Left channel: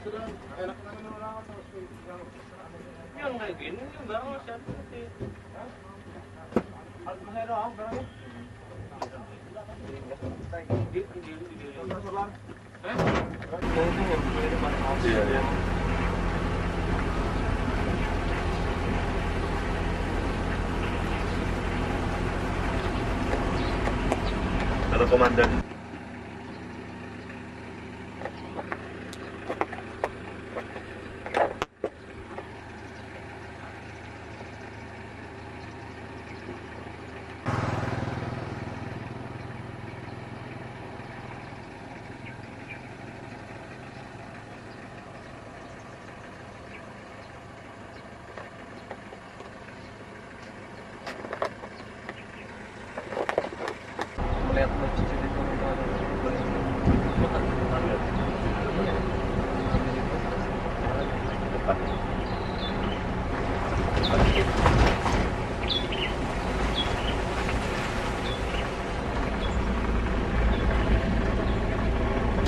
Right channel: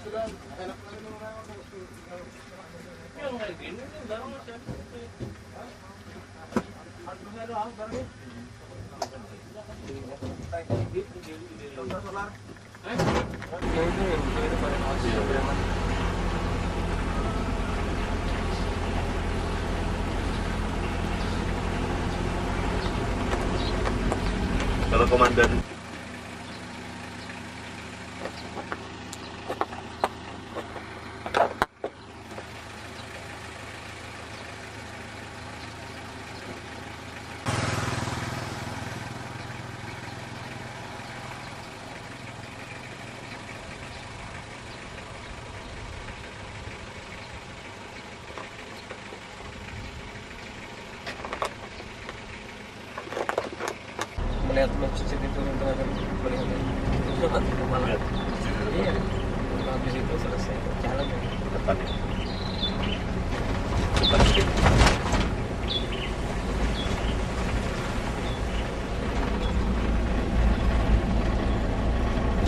Yang kayak gini nih udah masih ada seperti harga hero barangnya. Solar. Kalau komandan melihat posisi itu antara kota mana? Iya, habis itu selesai jalan. depan.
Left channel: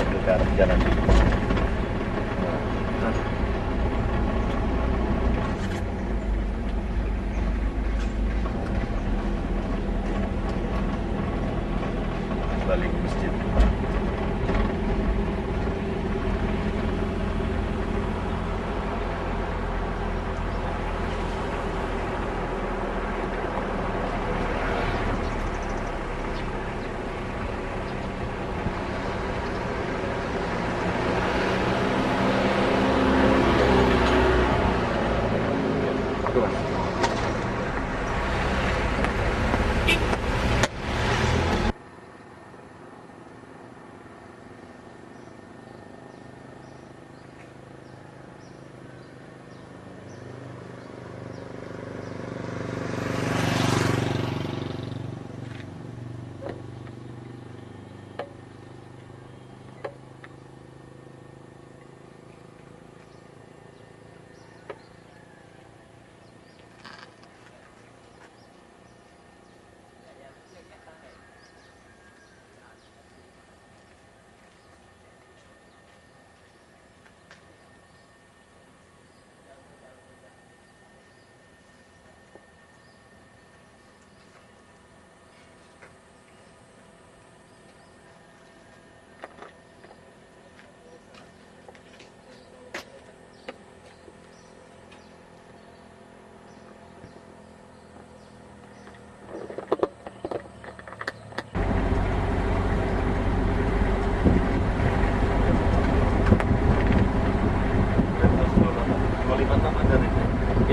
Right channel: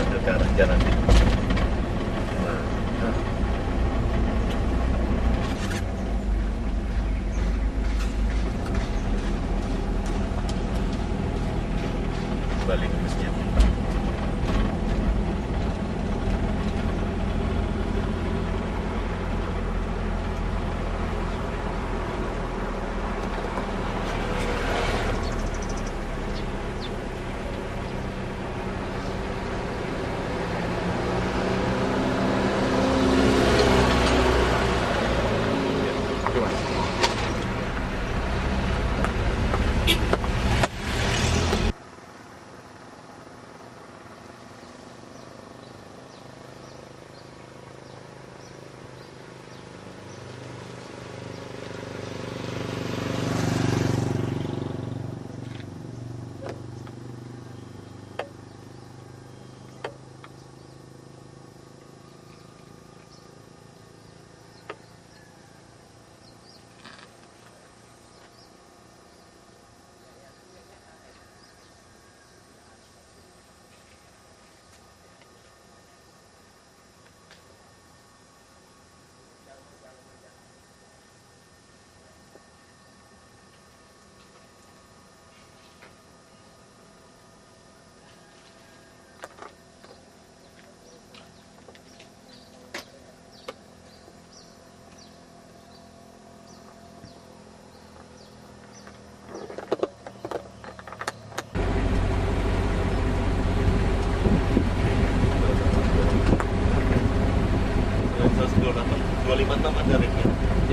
Ambil ke arah jalan di. Nah. Balik ke masjid.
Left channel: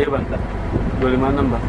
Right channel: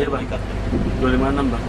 Iya bang, 256 bang.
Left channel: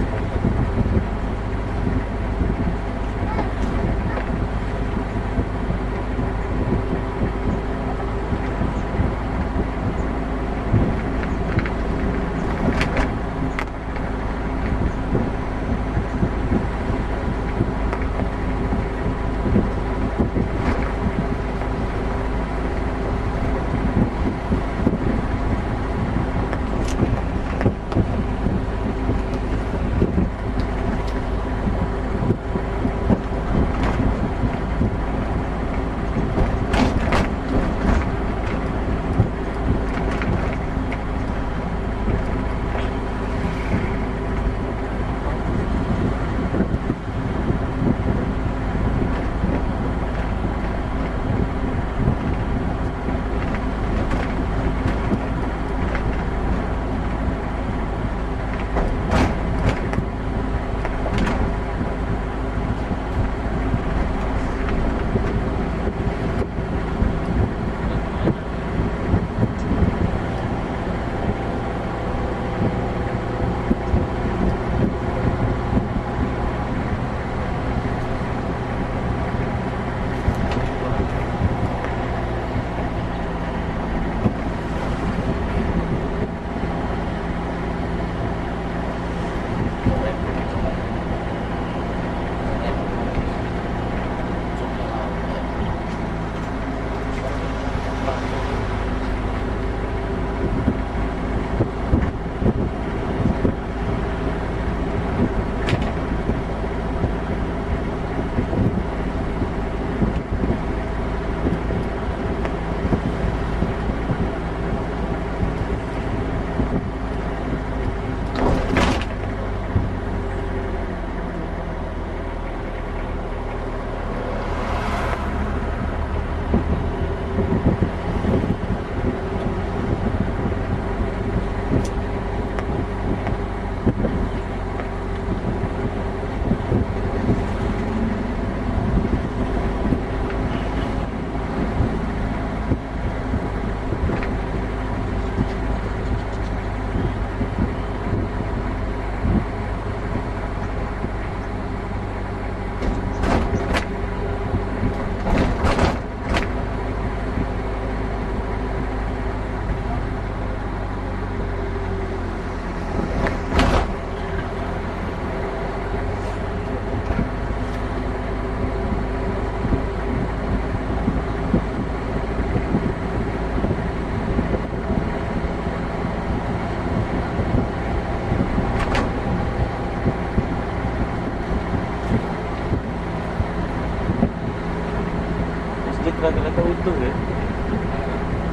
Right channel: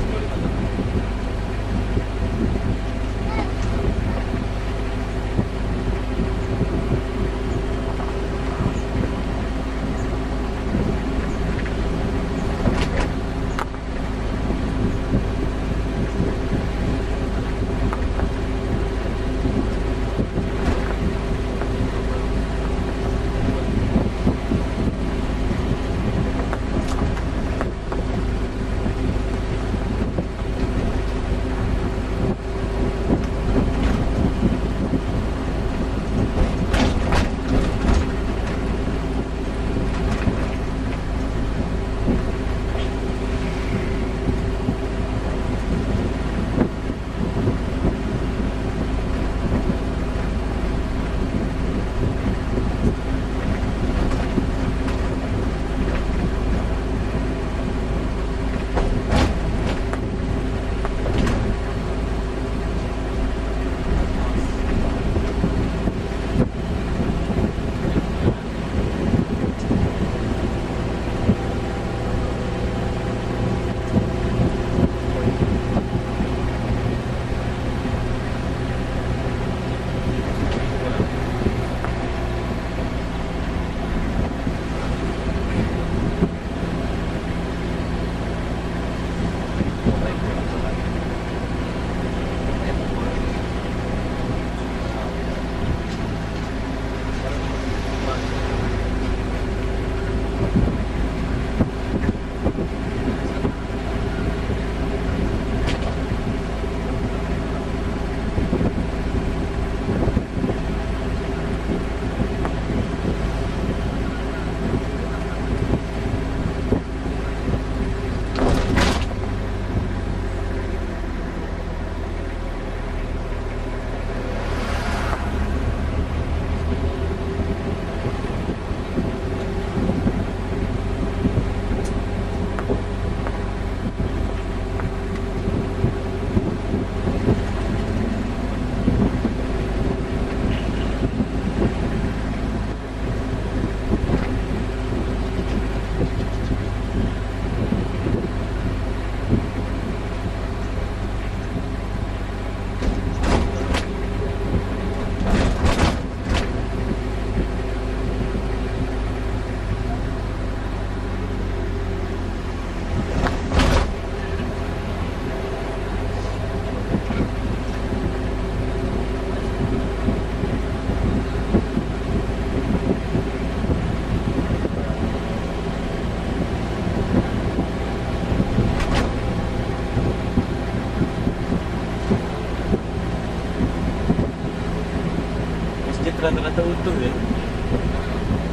masjid rata-rata utuh ya.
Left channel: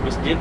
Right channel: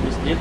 Masjid.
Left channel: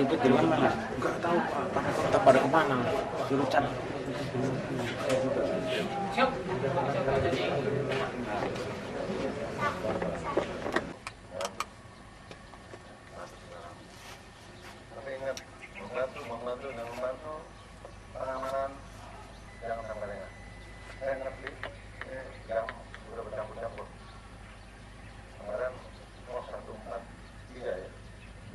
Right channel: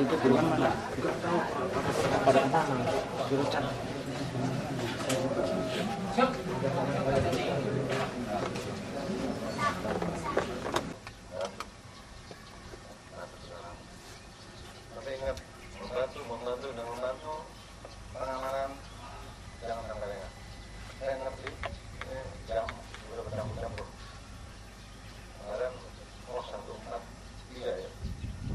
Itu bilang mana? Enggak tahu kita pada kemana? Suruh cari. Tapi ingat, membantu dan membantu pengamanan jangan sampai lengah. Saya ngerti ini jam sudah bercampur-campur. Kemarin 143 ya.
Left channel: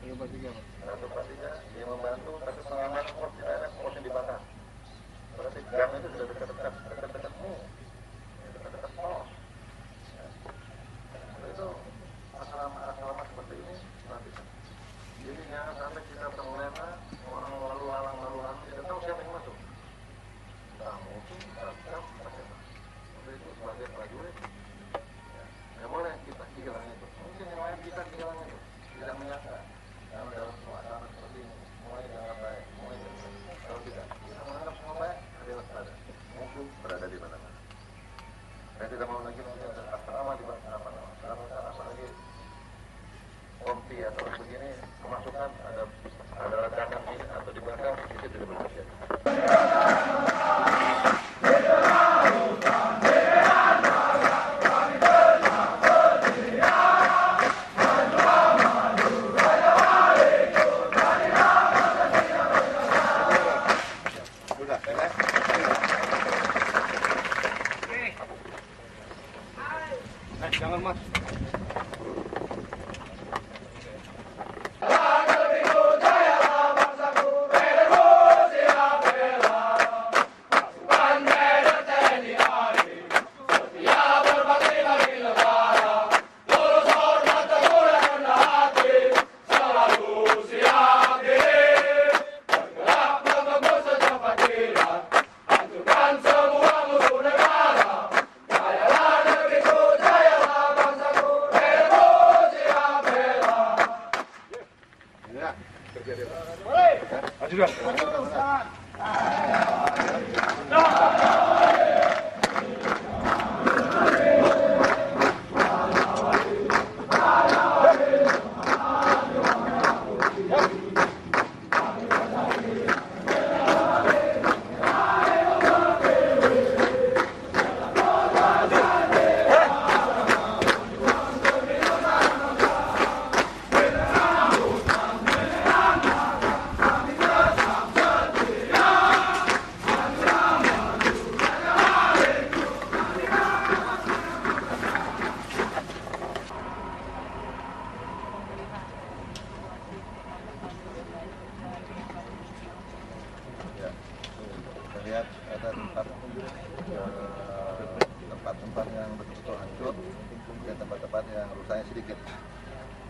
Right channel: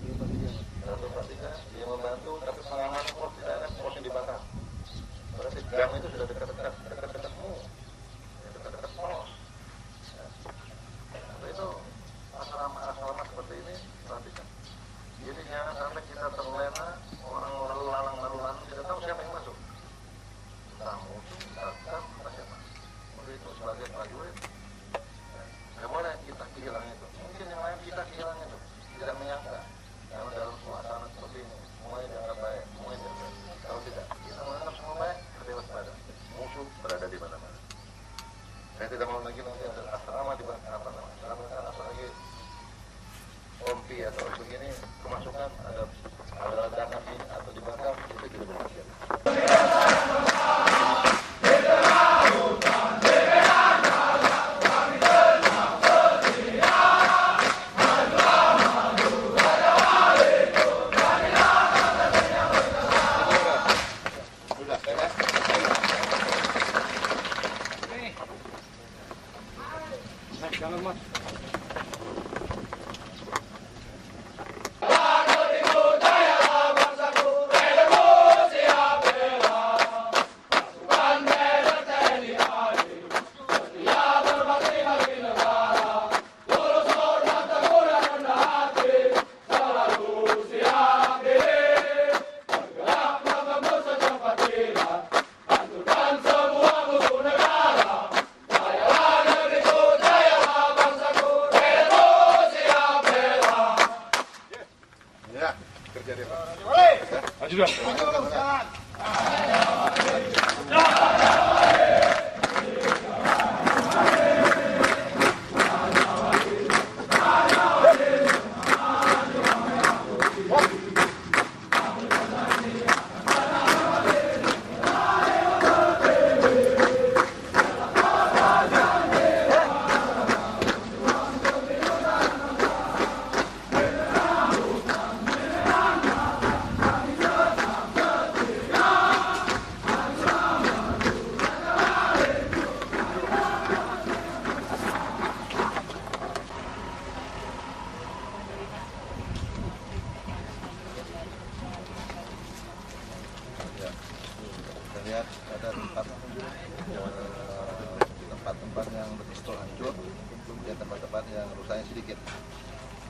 143 dia membantu, tapi pengamanan pos tidak ada, posnya dibakar. Berarti jam itu sudah dekat-dekatmu, dekat-dekat pos. Ya. Tapi itu asrama seperti ini perhatikan. Jadi jangan sampai kita terlena, orang lalu lalang, kita tahu siapa yang masuk. Tamu itu datang, bagaimana? Itu sebagai prajurit. Tidak boleh kita kehilangan itu. Mungkin yang lain kita kehilangan itu, tidak menyangka. Karena dalam suasana seperti ini, semuanya dianggap baik, semuanya biasa. Kalau tidak, kita menganggap semua baik, tapi waspada. Musuh berada di mana-mana. Saya tidak mau lagi nanti ada asrama di mana apa namanya. Asrama apalagi pompi atau begini, kemasukan ada ledakan ini atau dibakar, itu tidak boleh terjadi. Jangan mat. Maju, tempat-tempat yang betul-betul hancur, kemudian tempat-tempat yang rusaknya sedikit.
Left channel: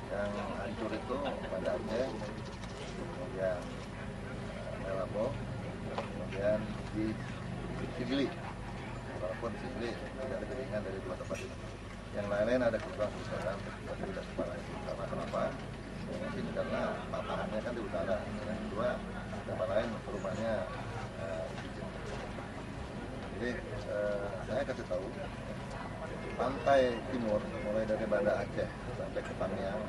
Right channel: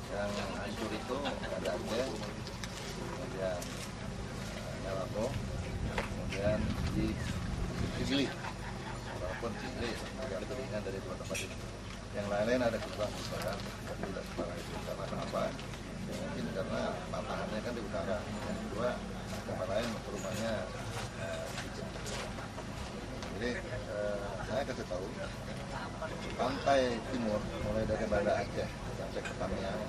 Yang hancur itu Banda Aceh, kemudian Melabo, kemudian di Sigli. Walaupun Sigli tidak lebih ringan dari dua tempat ini. Yang lain-lain ada kerusakan, tapi tidak separah itu. Karena kenapa? Ya, mungkin karena patahannya kan di utara. Yang kedua, tempat lain perumahannya sedikit. Jadi saya kasih tahu, pantai timur mulai dari Banda Aceh sampai ke Tamiang,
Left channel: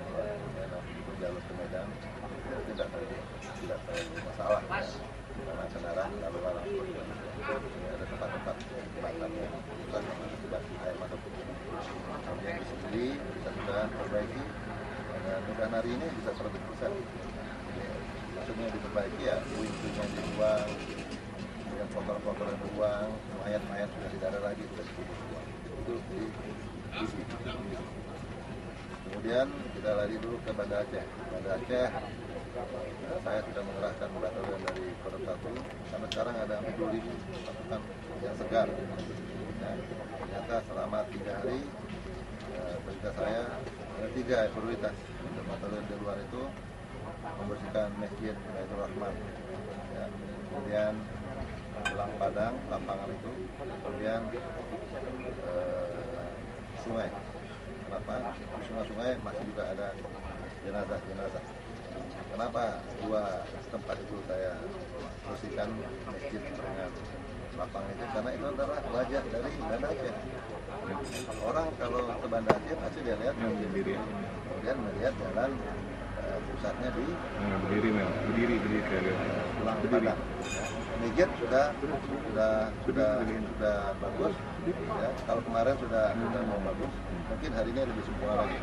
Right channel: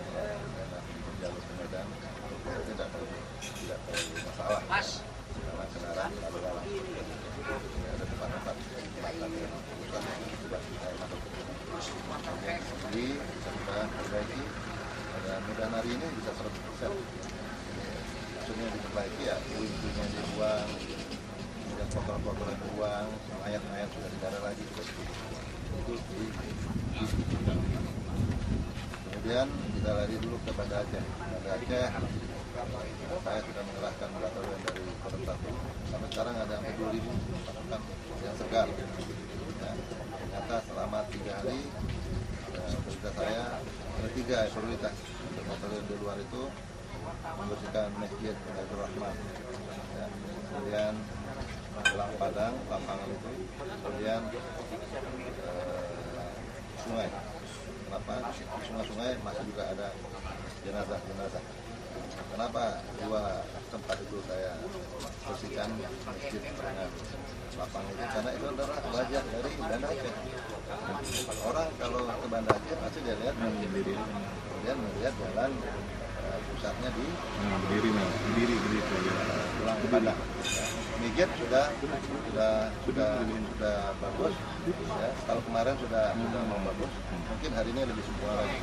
jalur ke Medan, itu tidak terlalu masalah ya. Karena kendaraan lalu lalang terus begitu. Ada tempat-tempat jembatan yang rusak yang akibat air masuk. Kemudian di sini kita sudah perbaiki, dan mudah hari ini bisa 100%. Jadi, maksudnya diperbaiki ya, puing-puingnya dibuang, kemudian kotor-kotoran dibuang, mayat-mayat sudah tidak ada lagi, sudah ditutup semua. Itu di kemudian kita lari dulu ke Banda Aceh. Banda Aceh, saya sudah mengerahkan batalion dari Kodam 1. Sampai sekarang ada sampai 2.000 pasukan yang segar. Ya, ternyata selama 3 hari, perintah saya ada 3 prioritas untuk batalion di luar itu: membersihkan Masjid Baitur Rahman, ya, kemudian Belang Padang, lapangan itu, kemudian sungai. Kenapa? Di sungai-sungai masih juga ada jenazah-jenazah. Kenapa 2 tempat itu saya bersihkan, masjid dengan lapangan itu? Karena itu adalah wajah dari Banda Aceh. Orang kalau ke Banda Aceh pasti dia lihat kemudian melihat jalan pusatnya di berdiri kayak Belang Padang. Ya. Masjid sudah bagus. Ya. Kalau kemarin sudah mau bagus, mungkin hari ini lebih sempurna lagi.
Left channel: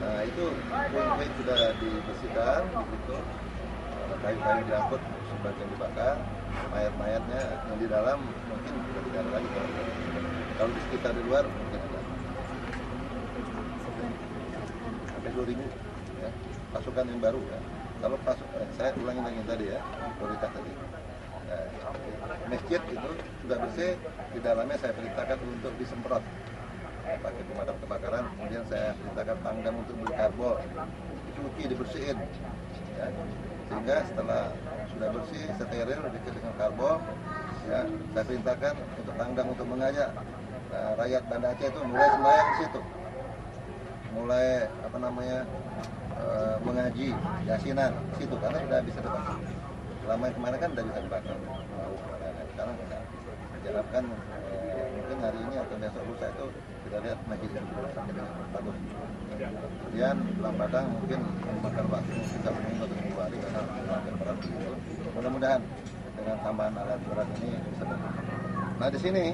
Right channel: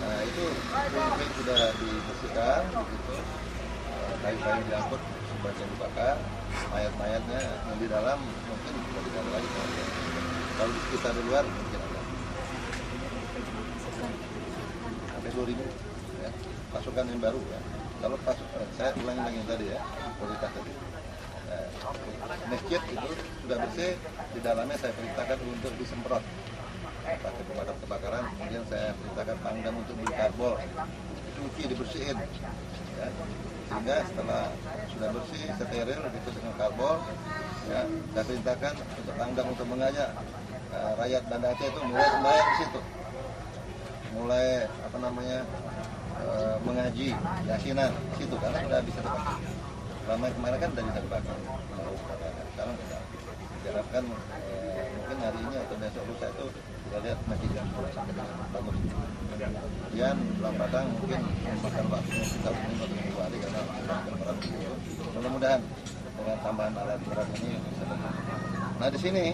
Nah itu puing-puing sudah dibersihkan, begitu, kayu-kayu diangkut, sebagian dibakar, mayat-mayatnya yang di dalam mungkin sudah tidak ada lagi. Kalau di sekitar di luar mungkin ada. Sampai 2.000 ya, pasukan yang baru ya. Kalau saya ulangi lagi tadi ya, prioritas tadi. Masjid itu sudah bersih, di dalamnya saya perintahkan untuk disemprot pakai pemadam kebakaran, kemudian saya perintahkan Pangdam untuk beli karbol, dicuci, dibersihin, ya. Sehingga setelah sudah bersih, steril, dicuci dengan karbol, ya, saya perintahkan untuk Pangdam untuk mengajak rakyat Banda Aceh itu mulai sembahyang di situ, mulai mengaji yasinan di situ, karena sudah bisa dipakai. Selama yang kemarin kan sudah bisa dipakai, lauk dan lain-lain. Sekarang tidak. Diharapkan mungkin hari ini atau besok lusa itu kita lihat masjid yang sudah sampai dengan bagus. Kemudian Belang Padang mungkin memakan waktu mungkin 1 minggu atau 2 hari karena sudah agak berat begitu. Mudah-mudahan dengan tambahan alat berat ini bisa datang. Nah di sini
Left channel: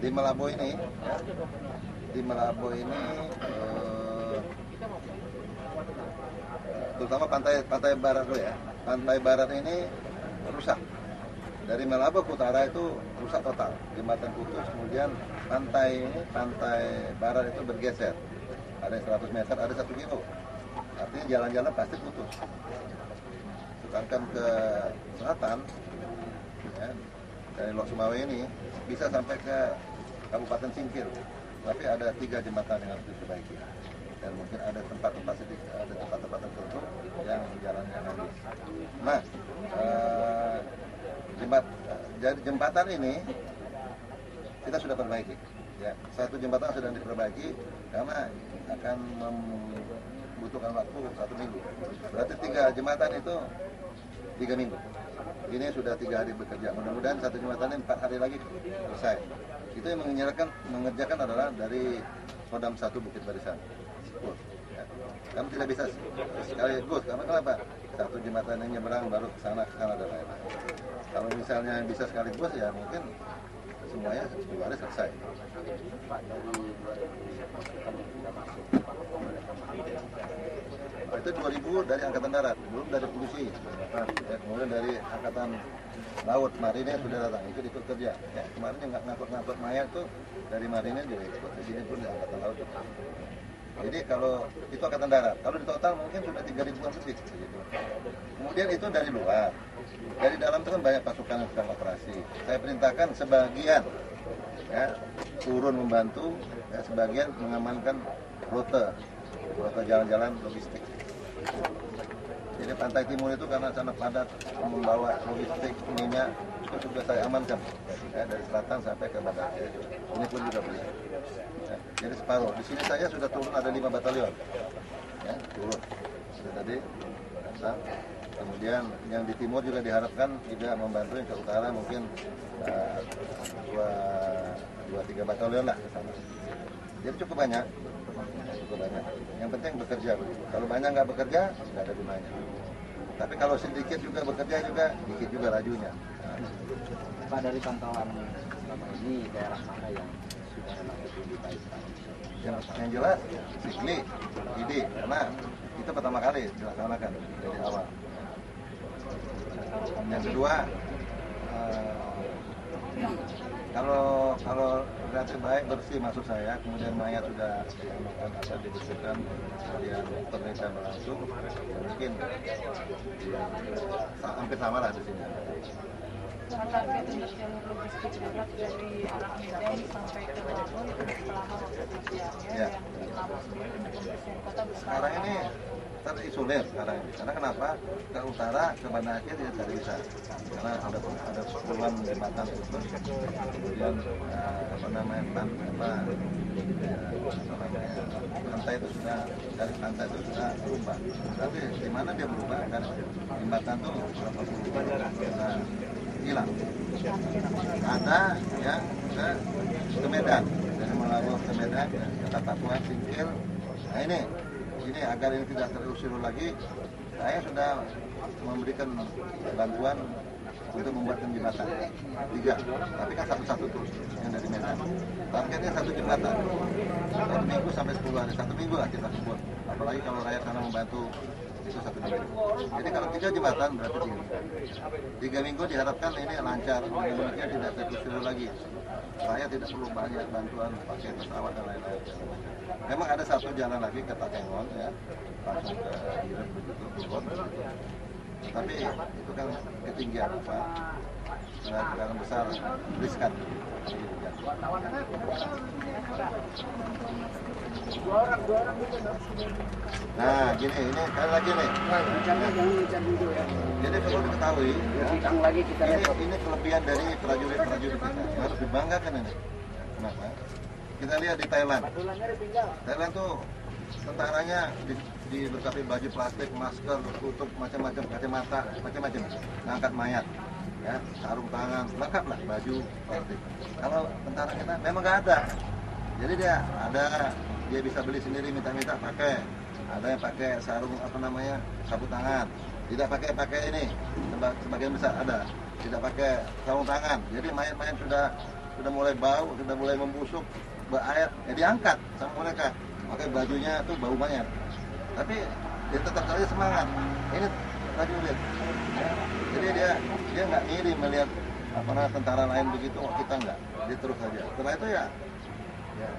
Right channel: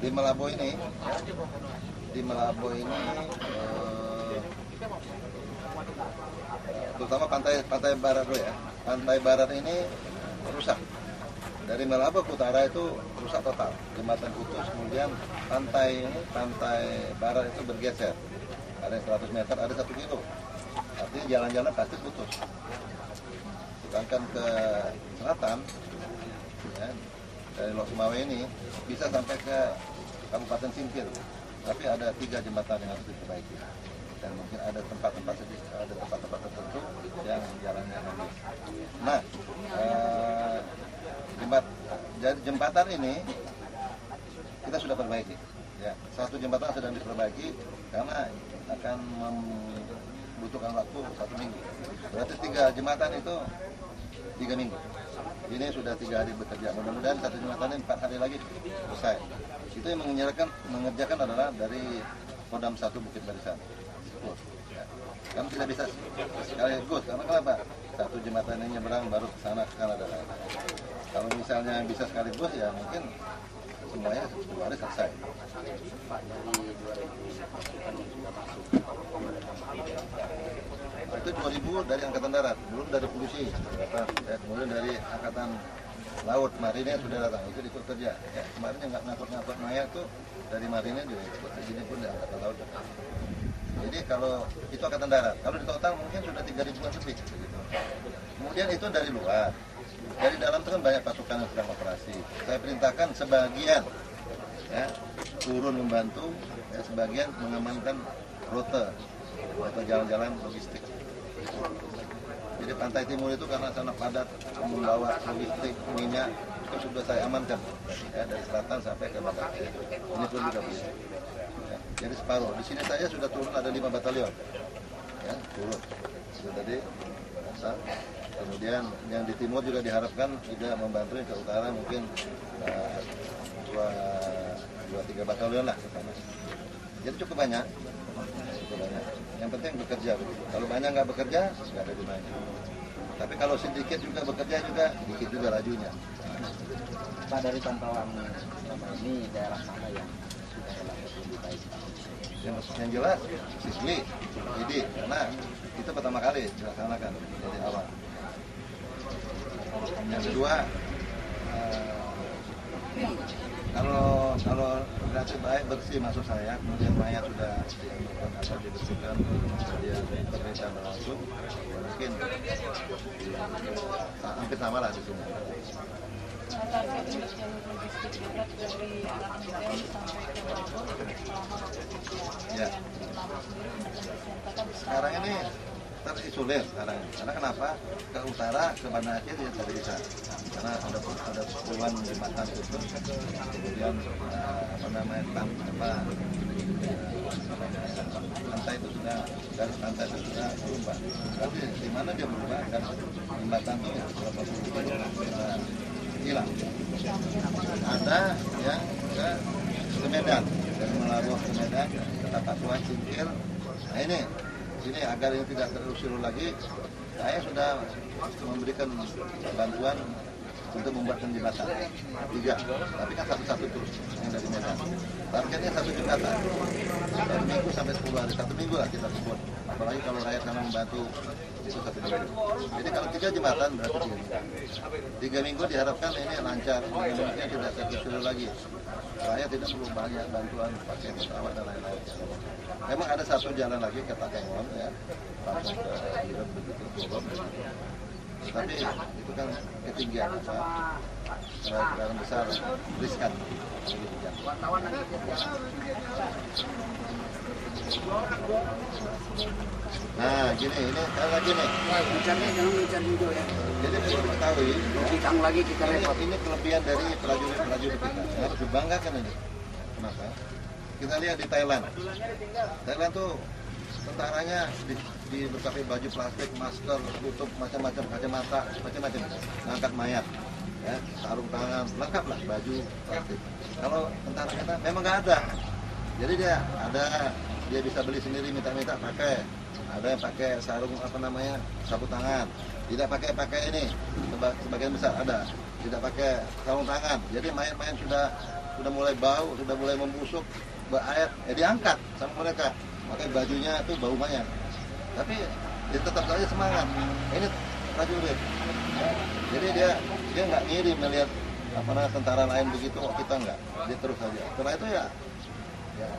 di Melabo ini, ya, di Melabo ini terutama pantai barat dulu ya. Pantai barat ini rusak. Dari Melabo ke utara itu rusak total, jembatan putus, kemudian pantai barat itu bergeser, ada 100 meter, ada 1 kilo, artinya jalan-jalan pasti putus. Sedangkan ke selatan, ya, dari Lok Sumawe ini bisa sampai ke Kabupaten Singkil, tapi ada 3 jembatan yang harus diperbaiki, dan mungkin ada tempat-tempat tertentu yang jalannya habis. Nah, jembatan ini kita sudah perbaiki. Ya, 1 jembatan sedang diperbaiki karena akan membutuhkan waktu 1 minggu. Berarti 3 jembatan itu 3 minggu. Ini sudah 3 hari bekerja. Mudah-mudahan 1 jembatan ini 4 hari lagi selesai. Itu yang mengerjakan adalah dari Kodam 1 Bukit Barisan. Ya. Kami tidak bisa sekaligus. Karena kenapa? 1 jembatan ini nyeberang baru ke sana dan lain-lain. Kalau misalnya bisa sekaligus ya mungkin semuanya 10 hari selesai. Pak, dari 2.000 pasukan yang sudah masuk, apakah ada tambahan? Itu 2.000 dari Angkatan Darat, belum dari polisi, ya, kemudian dari Angkatan Laut, Marinir sudah datang, ikut kerja. Ya, kemarin yang ngangkut mayat tuh dari Marinir juga ikut, di sini pun dari Angkatan Laut juga. Jadi kalau itu Angkatan Darat, kalau di total mungkin sudah 3.000-an lebih begitu. Kemudian itu dari luar. Dari dalam itu kan banyak pasukan yang sedang operasi. Saya perintahkan sebagian, ya, turun membantu, ya, sebagian mengamankan rute jalan-jalan logistik. Jadi pantai timur itu karena sana padat membawa logistik minyak itu sudah saya amankan, ya, dari selatan sampai ke Banda Aceh. Ini pun juga begitu. Ya, jadi separuh. Di sini saya sudah turun ada 5 batalion, ya, turun. Sudah tadi datang. Kemudian yang di timur juga diharapkan juga membantu, yang ke utara mungkin 2-3 batalion lah ke sana. Jadi cukup banyak. Yang penting bekerja begitu. Kalau banyak nggak bekerja, nggak ada gunanya. Tapi kalau sedikit juga bekerja juga, dikit juga lajunya. Pak, dari pantauan selama ini daerah mana yang sudah relatif lebih baik, Pak? Yang jelas, Sikli, Idi, karena itu pertama kali dilaksanakan dari awal. Yang kedua, kalau relatif baik, bersih maksud saya, kemudian mayat sudah dibersihkan, kemudian pemerintah berlangsung, ya mungkin hampir sama lah di sini. Target untuk jalur logistik darat dari arah Medan sampai ke Labor itu selama waktu pengerjaannya, Ya. dan di Labor sendiri untuk pembersihan kota besar. Sekarang ini terisolir sekarang ini. Karena kenapa? Ke utara, ke Banda Aceh dia tidak bisa. Karena ada puluhan jembatan putus. Kemudian pantai itu sudah, garis pantai itu sudah berubah. Tapi di mana dia berubah? Garis jembatan itu berapa puluh sudah hilang. Ada yang ke Medan, dari Malabo ke Medan, ke Tapatuan, Singkil. Nah ini agar ini tidak terusir lagi, saya sudah memberikan bantuan untuk membuatkan jembatan 3, tapi kan satu-satu terus yang dari Medan. Targetnya 1 jembatan, 1 minggu sampai 10 hari, 1 minggu lah kita sebut. Apalagi kalau rakyat sana membantu itu 1 minggu. Jadi kalau 3 jembatan berarti 3 minggu. 3 minggu diharapkan ini lancar, dengan demikian tidak terusir lagi. Rakyat tidak perlu banyak bantuan pakai pesawat dan lain-lain. Memang ada 1 jalan lagi ke Takengon, ya, langsung ke Irep begitu turun. Tapi itu kan ketinggian kendaraan besar, riskan. Nah, gini, ini kali lagi nih. Jadi perlu diketahui, ya, ini kelebihan dari prajurit-prajurit kita yang harus dibanggakan ini. Kenapa? Kita lihat di Thailand. Thailand tuh tentaranya dilengkapi baju plastik, masker, tutup macam-macam, kacamata, macam-macam, ngangkat mayat, ya, sarung tangan, lengkap lah baju plastik. Kalau tentara kita memang nggak ada. Jadi dia bisa beli sendiri, minta-minta pakai. Ada yang pakai sarung sapu tangan. Tidak pakai ini, sebagian besar ada. Tidak pakai sarung tangan. Jadi mayat-mayat sudah mulai bau, sudah mulai membusuk, berair, ya diangkat sama mereka. Pakai bajunya itu bau mayat. Tapi dia tetap saja semangat. Ini prajurit. Ya. Jadi dia nggak ngiri melihat tentara lain begitu, kita nggak. Dia terus saja. Setelah itu ya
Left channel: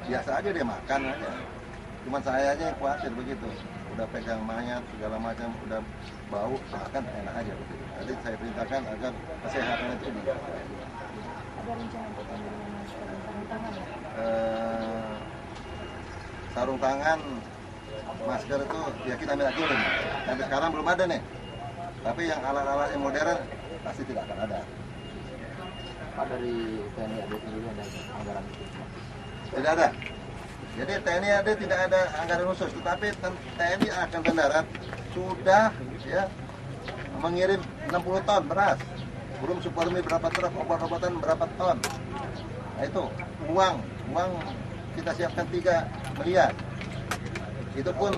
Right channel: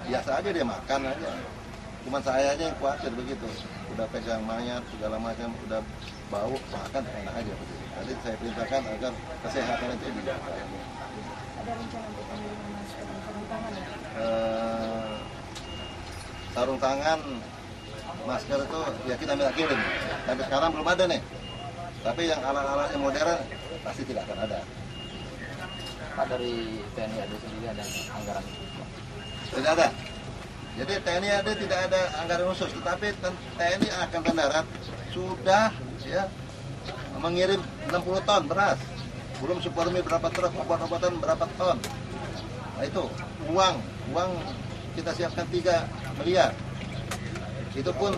biasa aja, dia makan aja. Cuman saya aja yang khawatir begitu. Udah pegang mayat segala macam, udah bau, makan enak aja begitu. Tadi saya perintahkan agar kesehatan itu dijaga. Ada rencana untuk pengiriman sarung tangan ya? Sarung tangan, masker itu ya kita minta kirim. Sampai sekarang belum ada nih. Tapi yang alat-alat yang modern pasti tidak akan ada. Pak, dari TNI AD sendiri ada anggaran khusus? Tidak ada. Jadi TNI AD tidak ada anggaran khusus, tetapi TNI Angkatan Darat sudah, ya, mengirim 60 ton beras. Belum Supermi berapa truk, obat-obatan berapa ton. Nah itu uang kita siapkan 3 miliar. Itu pun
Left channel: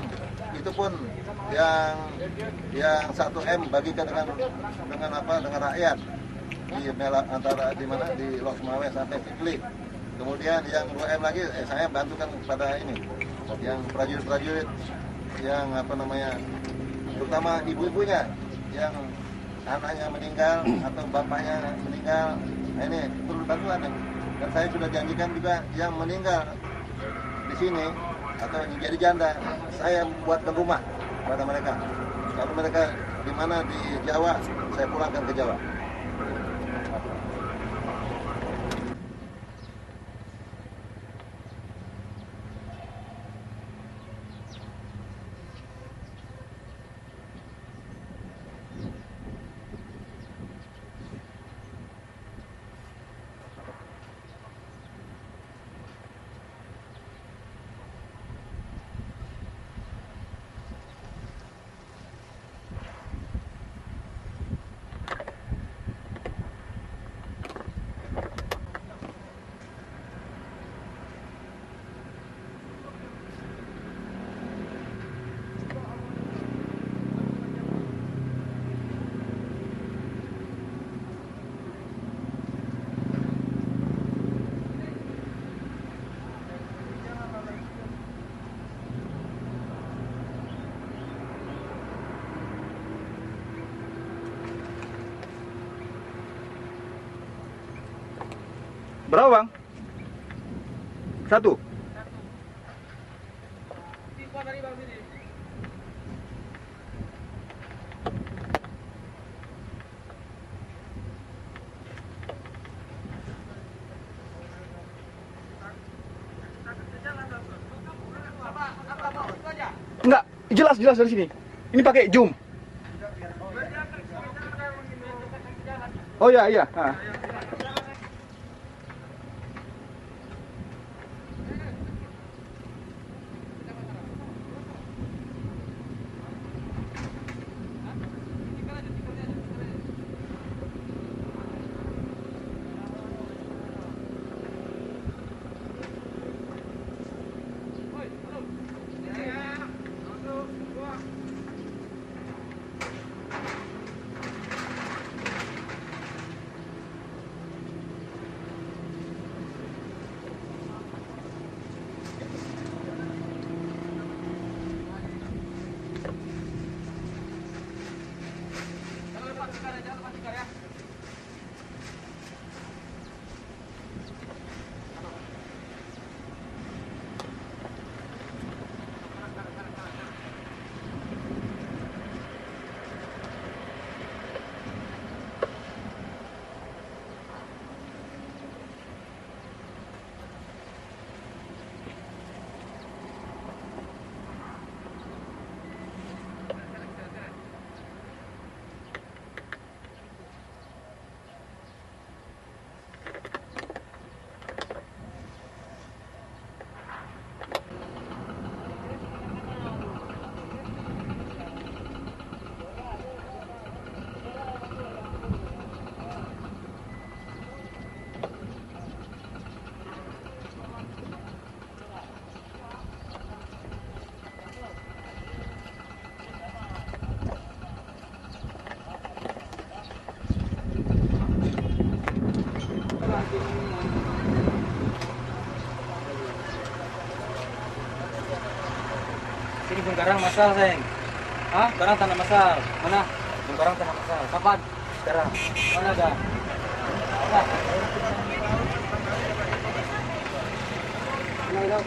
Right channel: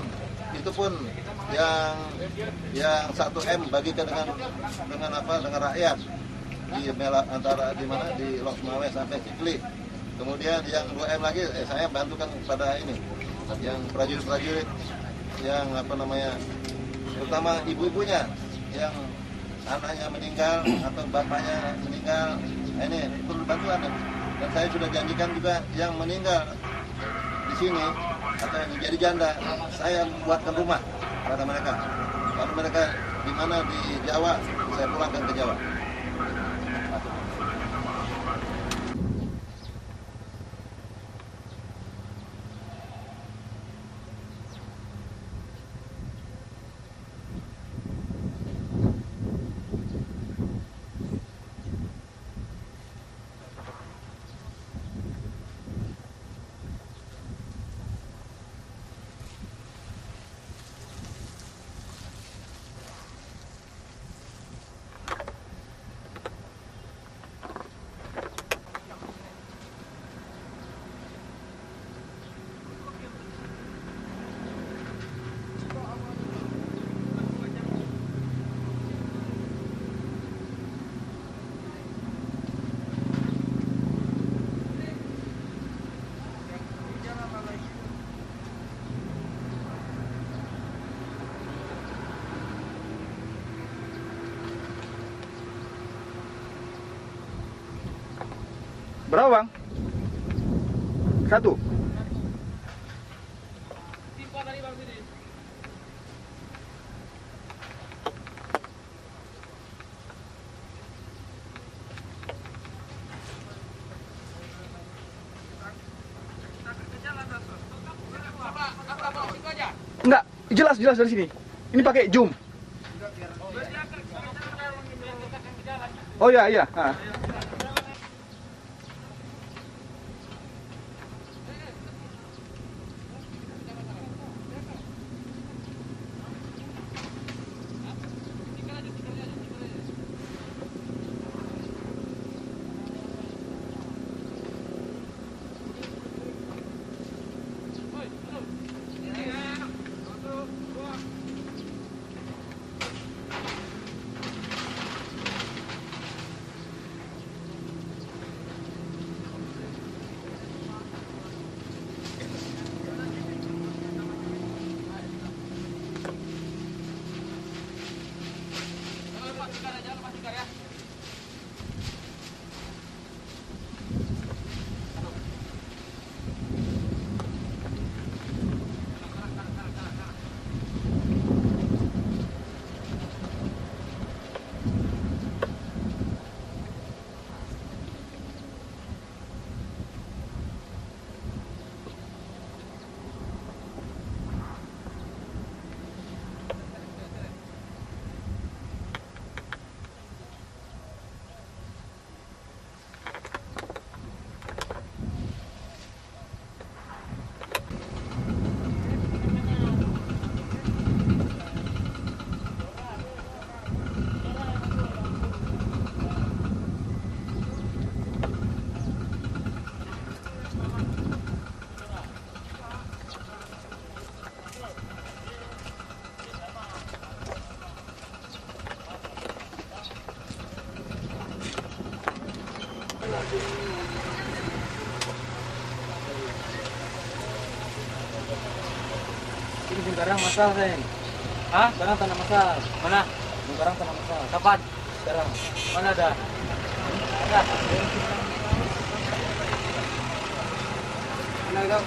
yang 1 M bagikan dengan rakyat di antara di Lok Sumawe sampai Sikli. Kemudian yang 2 M lagi saya bantukan kepada ini yang prajurit-prajurit yang terutama ibu-ibunya yang anaknya meninggal atau bapaknya meninggal. Nah, ini perlu bantuan nih. Dan saya sudah janjikan juga yang meninggal di sini atau yang jadi janda, saya buatkan rumah pada mereka. Kalau mereka di mana di Jawa, saya pulangkan ke Jawa. Berapa bang? Satu. Enggak, jelas dari sini. Ini pakai zoom. Oh ya, iya. Ha. Ini Bungkarang masal, Reng. Hah? Sekarang tanah masal. Mana? Bungkarang tanah masal. Kapan? Sekarang. Mana ada? Ada. Mana ada?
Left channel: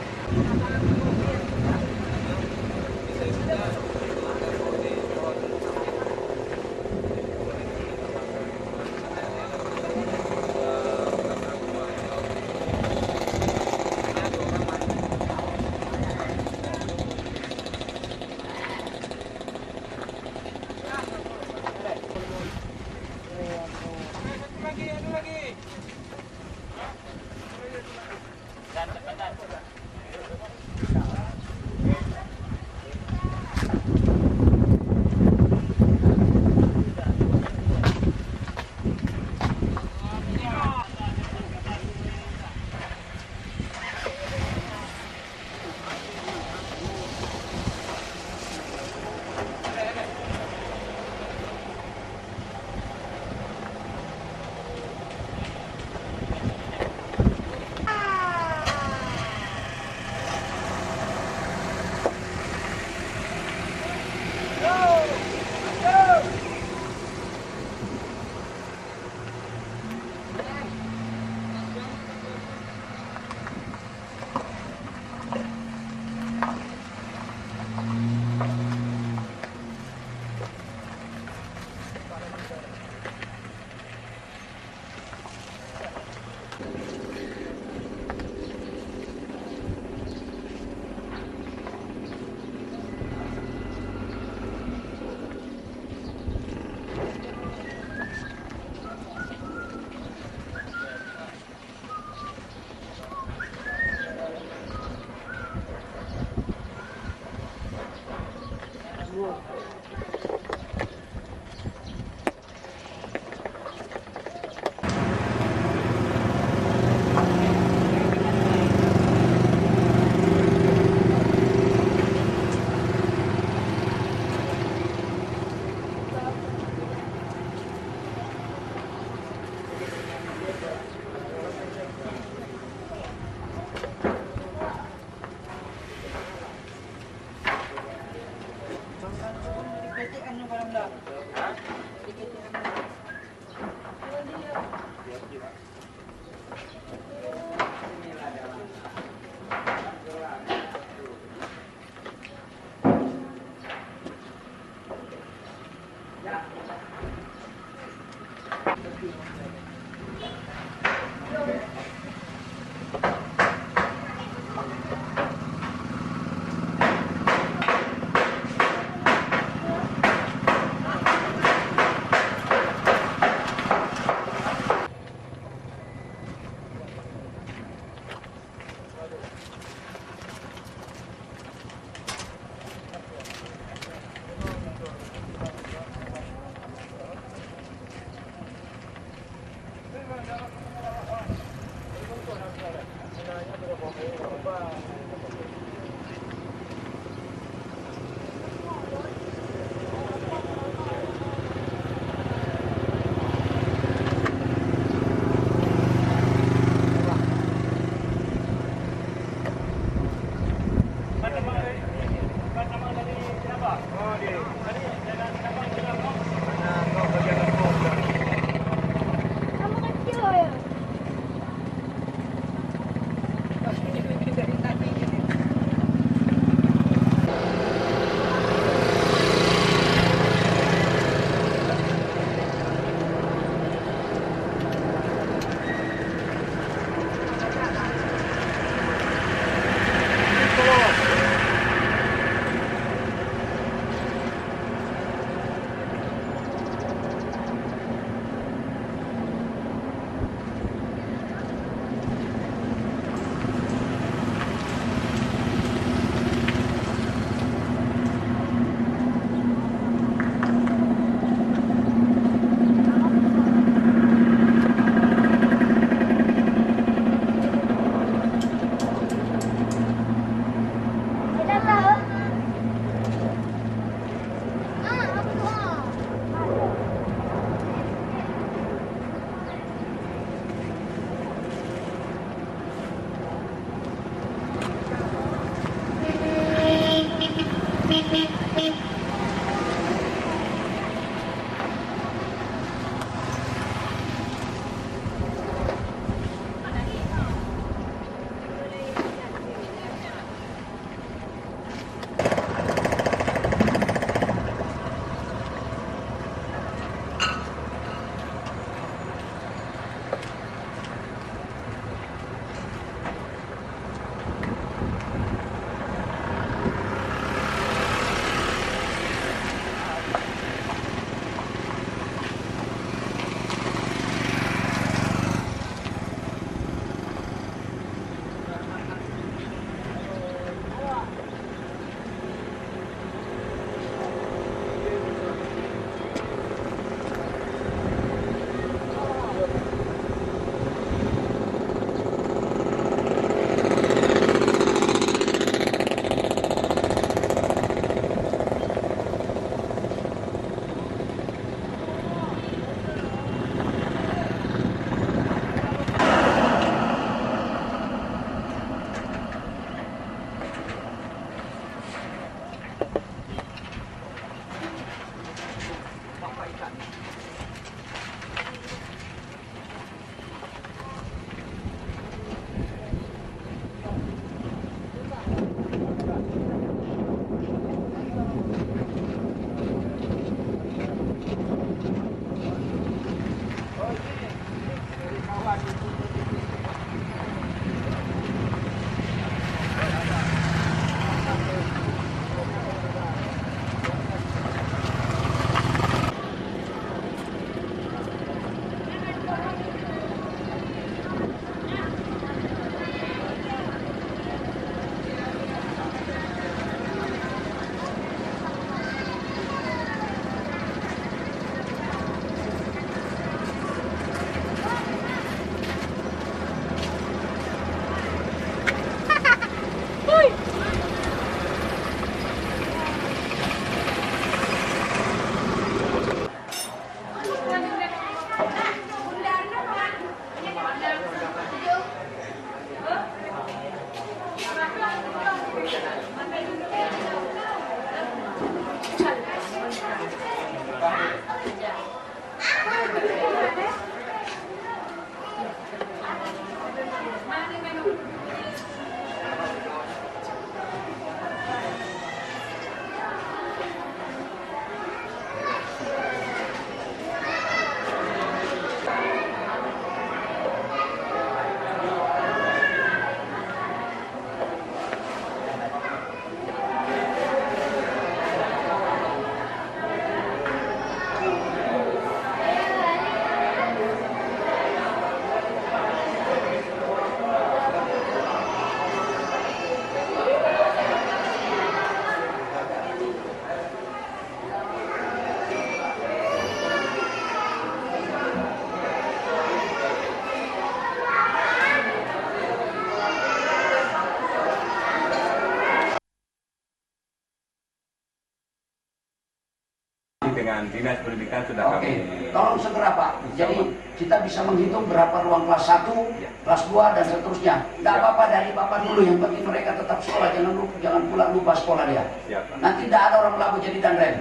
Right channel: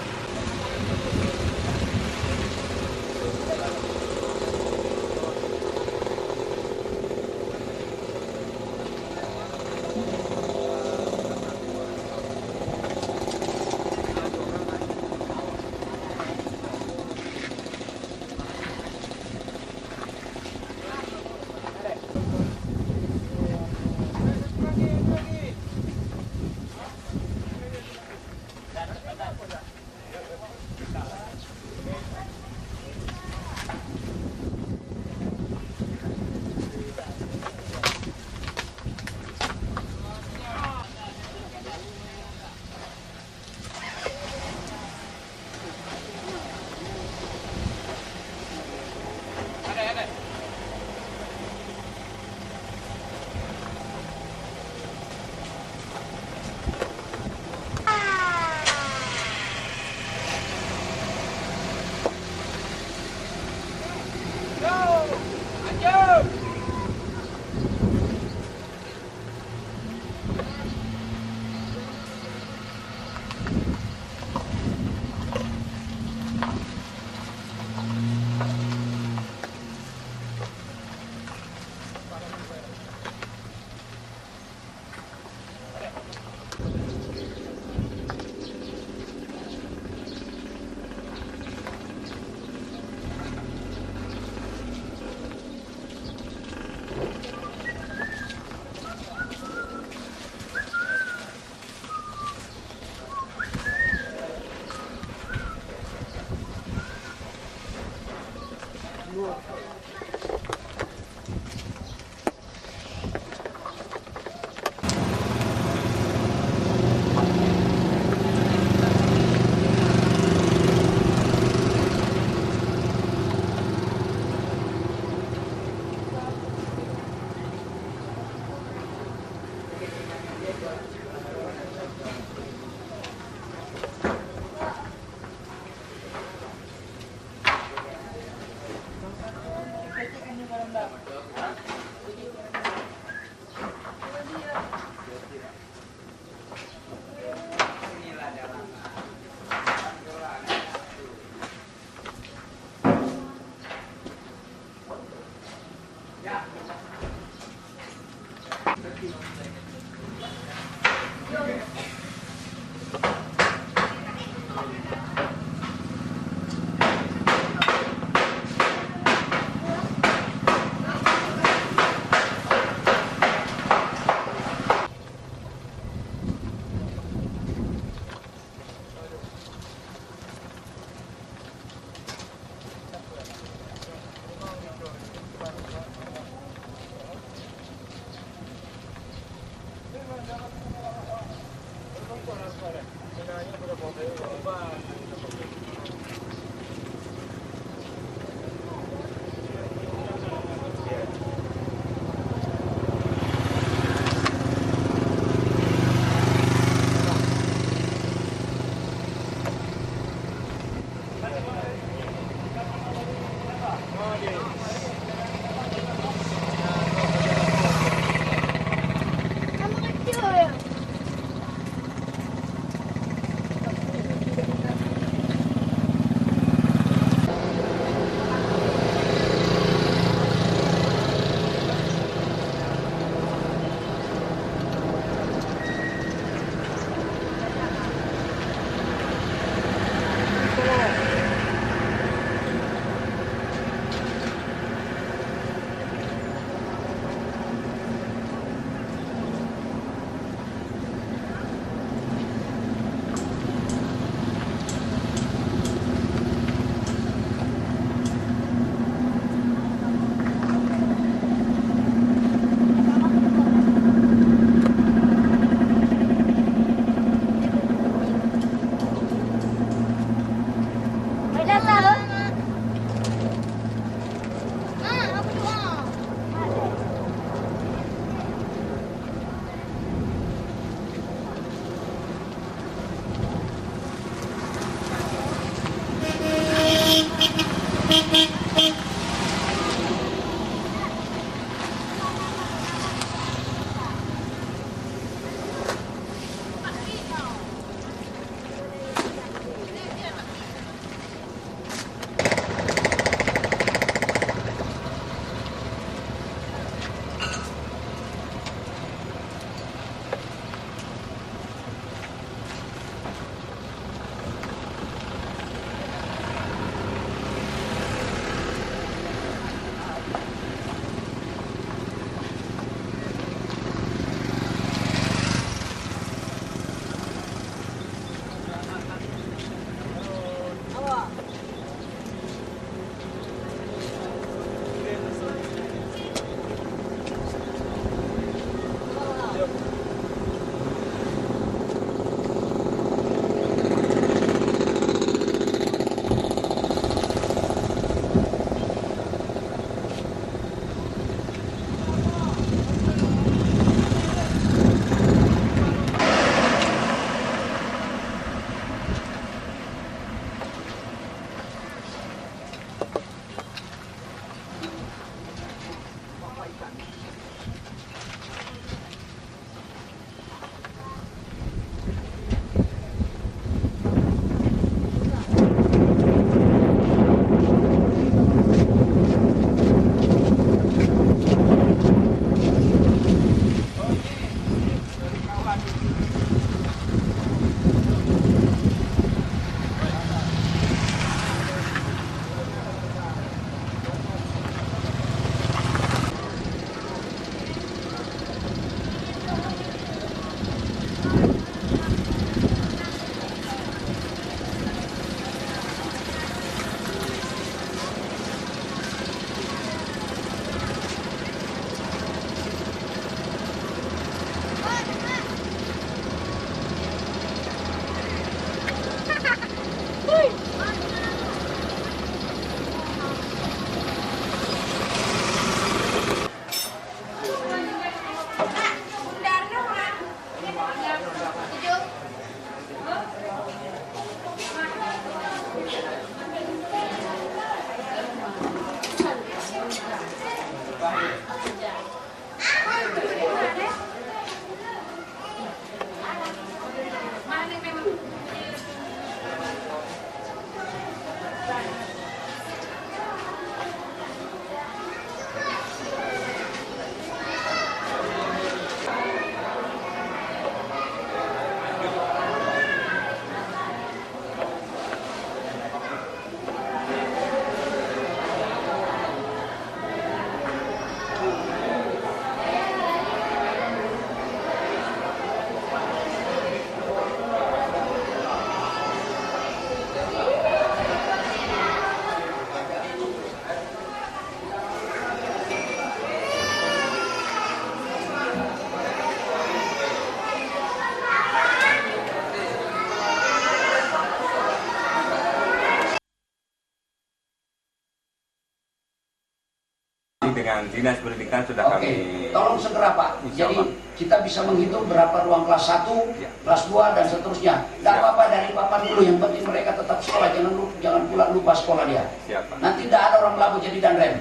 Dengan dinas pendidikan sudah Oke, kami tolong segera Pak. Jadi kita bisa menghitung berapa ruang kelas 1, kelas 2 dan seterusnya. Tidak apa-apa dari papan dulu, yang penting mereka tetap sekolah, jangan pula lupa sekolah dia. Siap, Pak. Nanti tidak ada orang labu jadi danrem.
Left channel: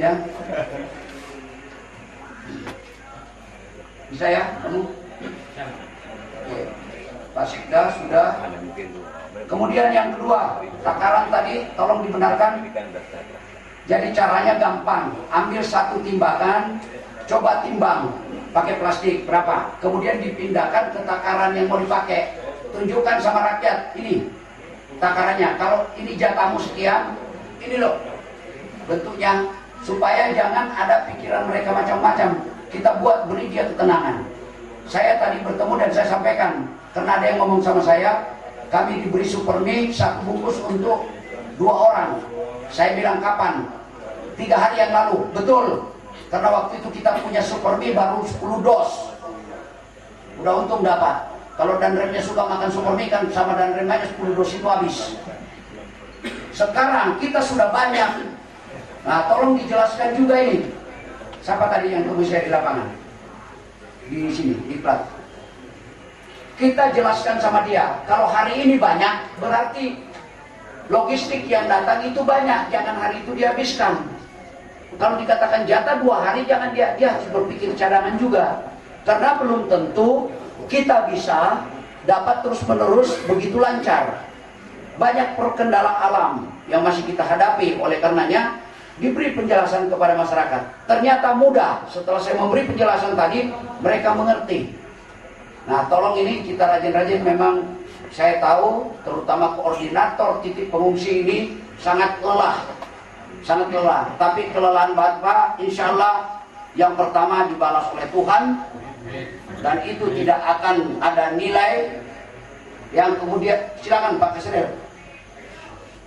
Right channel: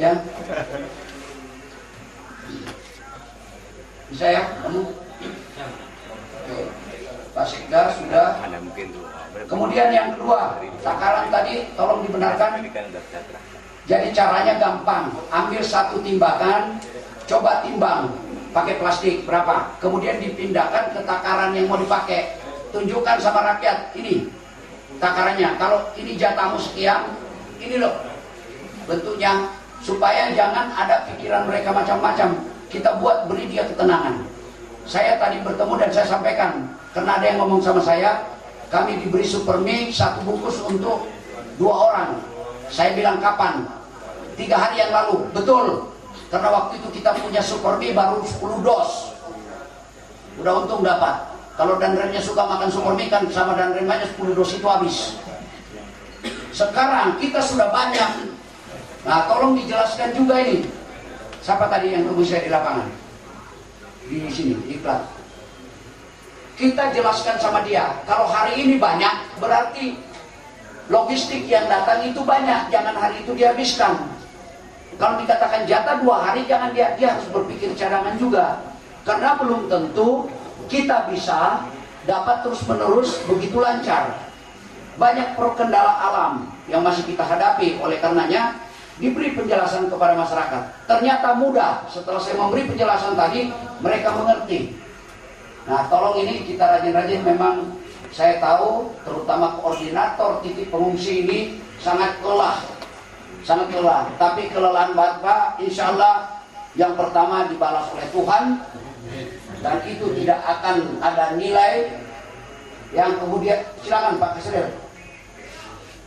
Ya. Bisa ya kamu? Oke. Pak Sekda sudah. ada mungkin tuh. Kemudian yang kedua, takaran tadi tolong dibenarkan. Jadi caranya gampang, ambil satu timbangan, coba timbang pakai plastik berapa, kemudian dipindahkan ke takaran yang mau dipakai. Tunjukkan sama rakyat, ini takarannya. Kalau ini jatahmu sekian, ini loh bentuknya, supaya jangan ada pikiran mereka macam-macam. Kita buat, beri dia ketenangan. Saya tadi bertemu dan saya sampaikan, karena ada yang ngomong sama saya, kami diberi supermi 1 bungkus untuk 2 orang. Saya bilang kapan? 3 hari yang lalu. Betul. Karena waktu itu kita punya supermi baru 10 dos. Udah untung dapat. Kalau danremnya suka makan supermi kan sama danremnya 10 dos itu habis. Sekarang kita sudah banyak. Nah, tolong dijelaskan juga ini. Siapa tadi yang tunggu saya di lapangan? Di sini, di plat. Kita jelaskan sama dia, kalau hari ini banyak, berarti logistik yang datang itu banyak, jangan hari itu dihabiskan. Kalau dikatakan jatah 2 hari, jangan dia harus berpikir cadangan juga. Karena belum tentu kita bisa dapat terus-menerus begitu lancar. Banyak kendala alam yang masih kita hadapi, oleh karenanya diberi penjelasan kepada masyarakat. Ternyata mudah, setelah saya memberi penjelasan tadi, mereka mengerti. Nah, tolong ini kita rajin-rajin, memang saya tahu terutama koordinator titik pengungsi ini sangat lelah. Sangat lelah, tapi kelelahan Bapak insya Allah yang pertama dibalas oleh Tuhan, dan itu tidak akan ada nilai yang kemudian. Silakan Pak Kaseder.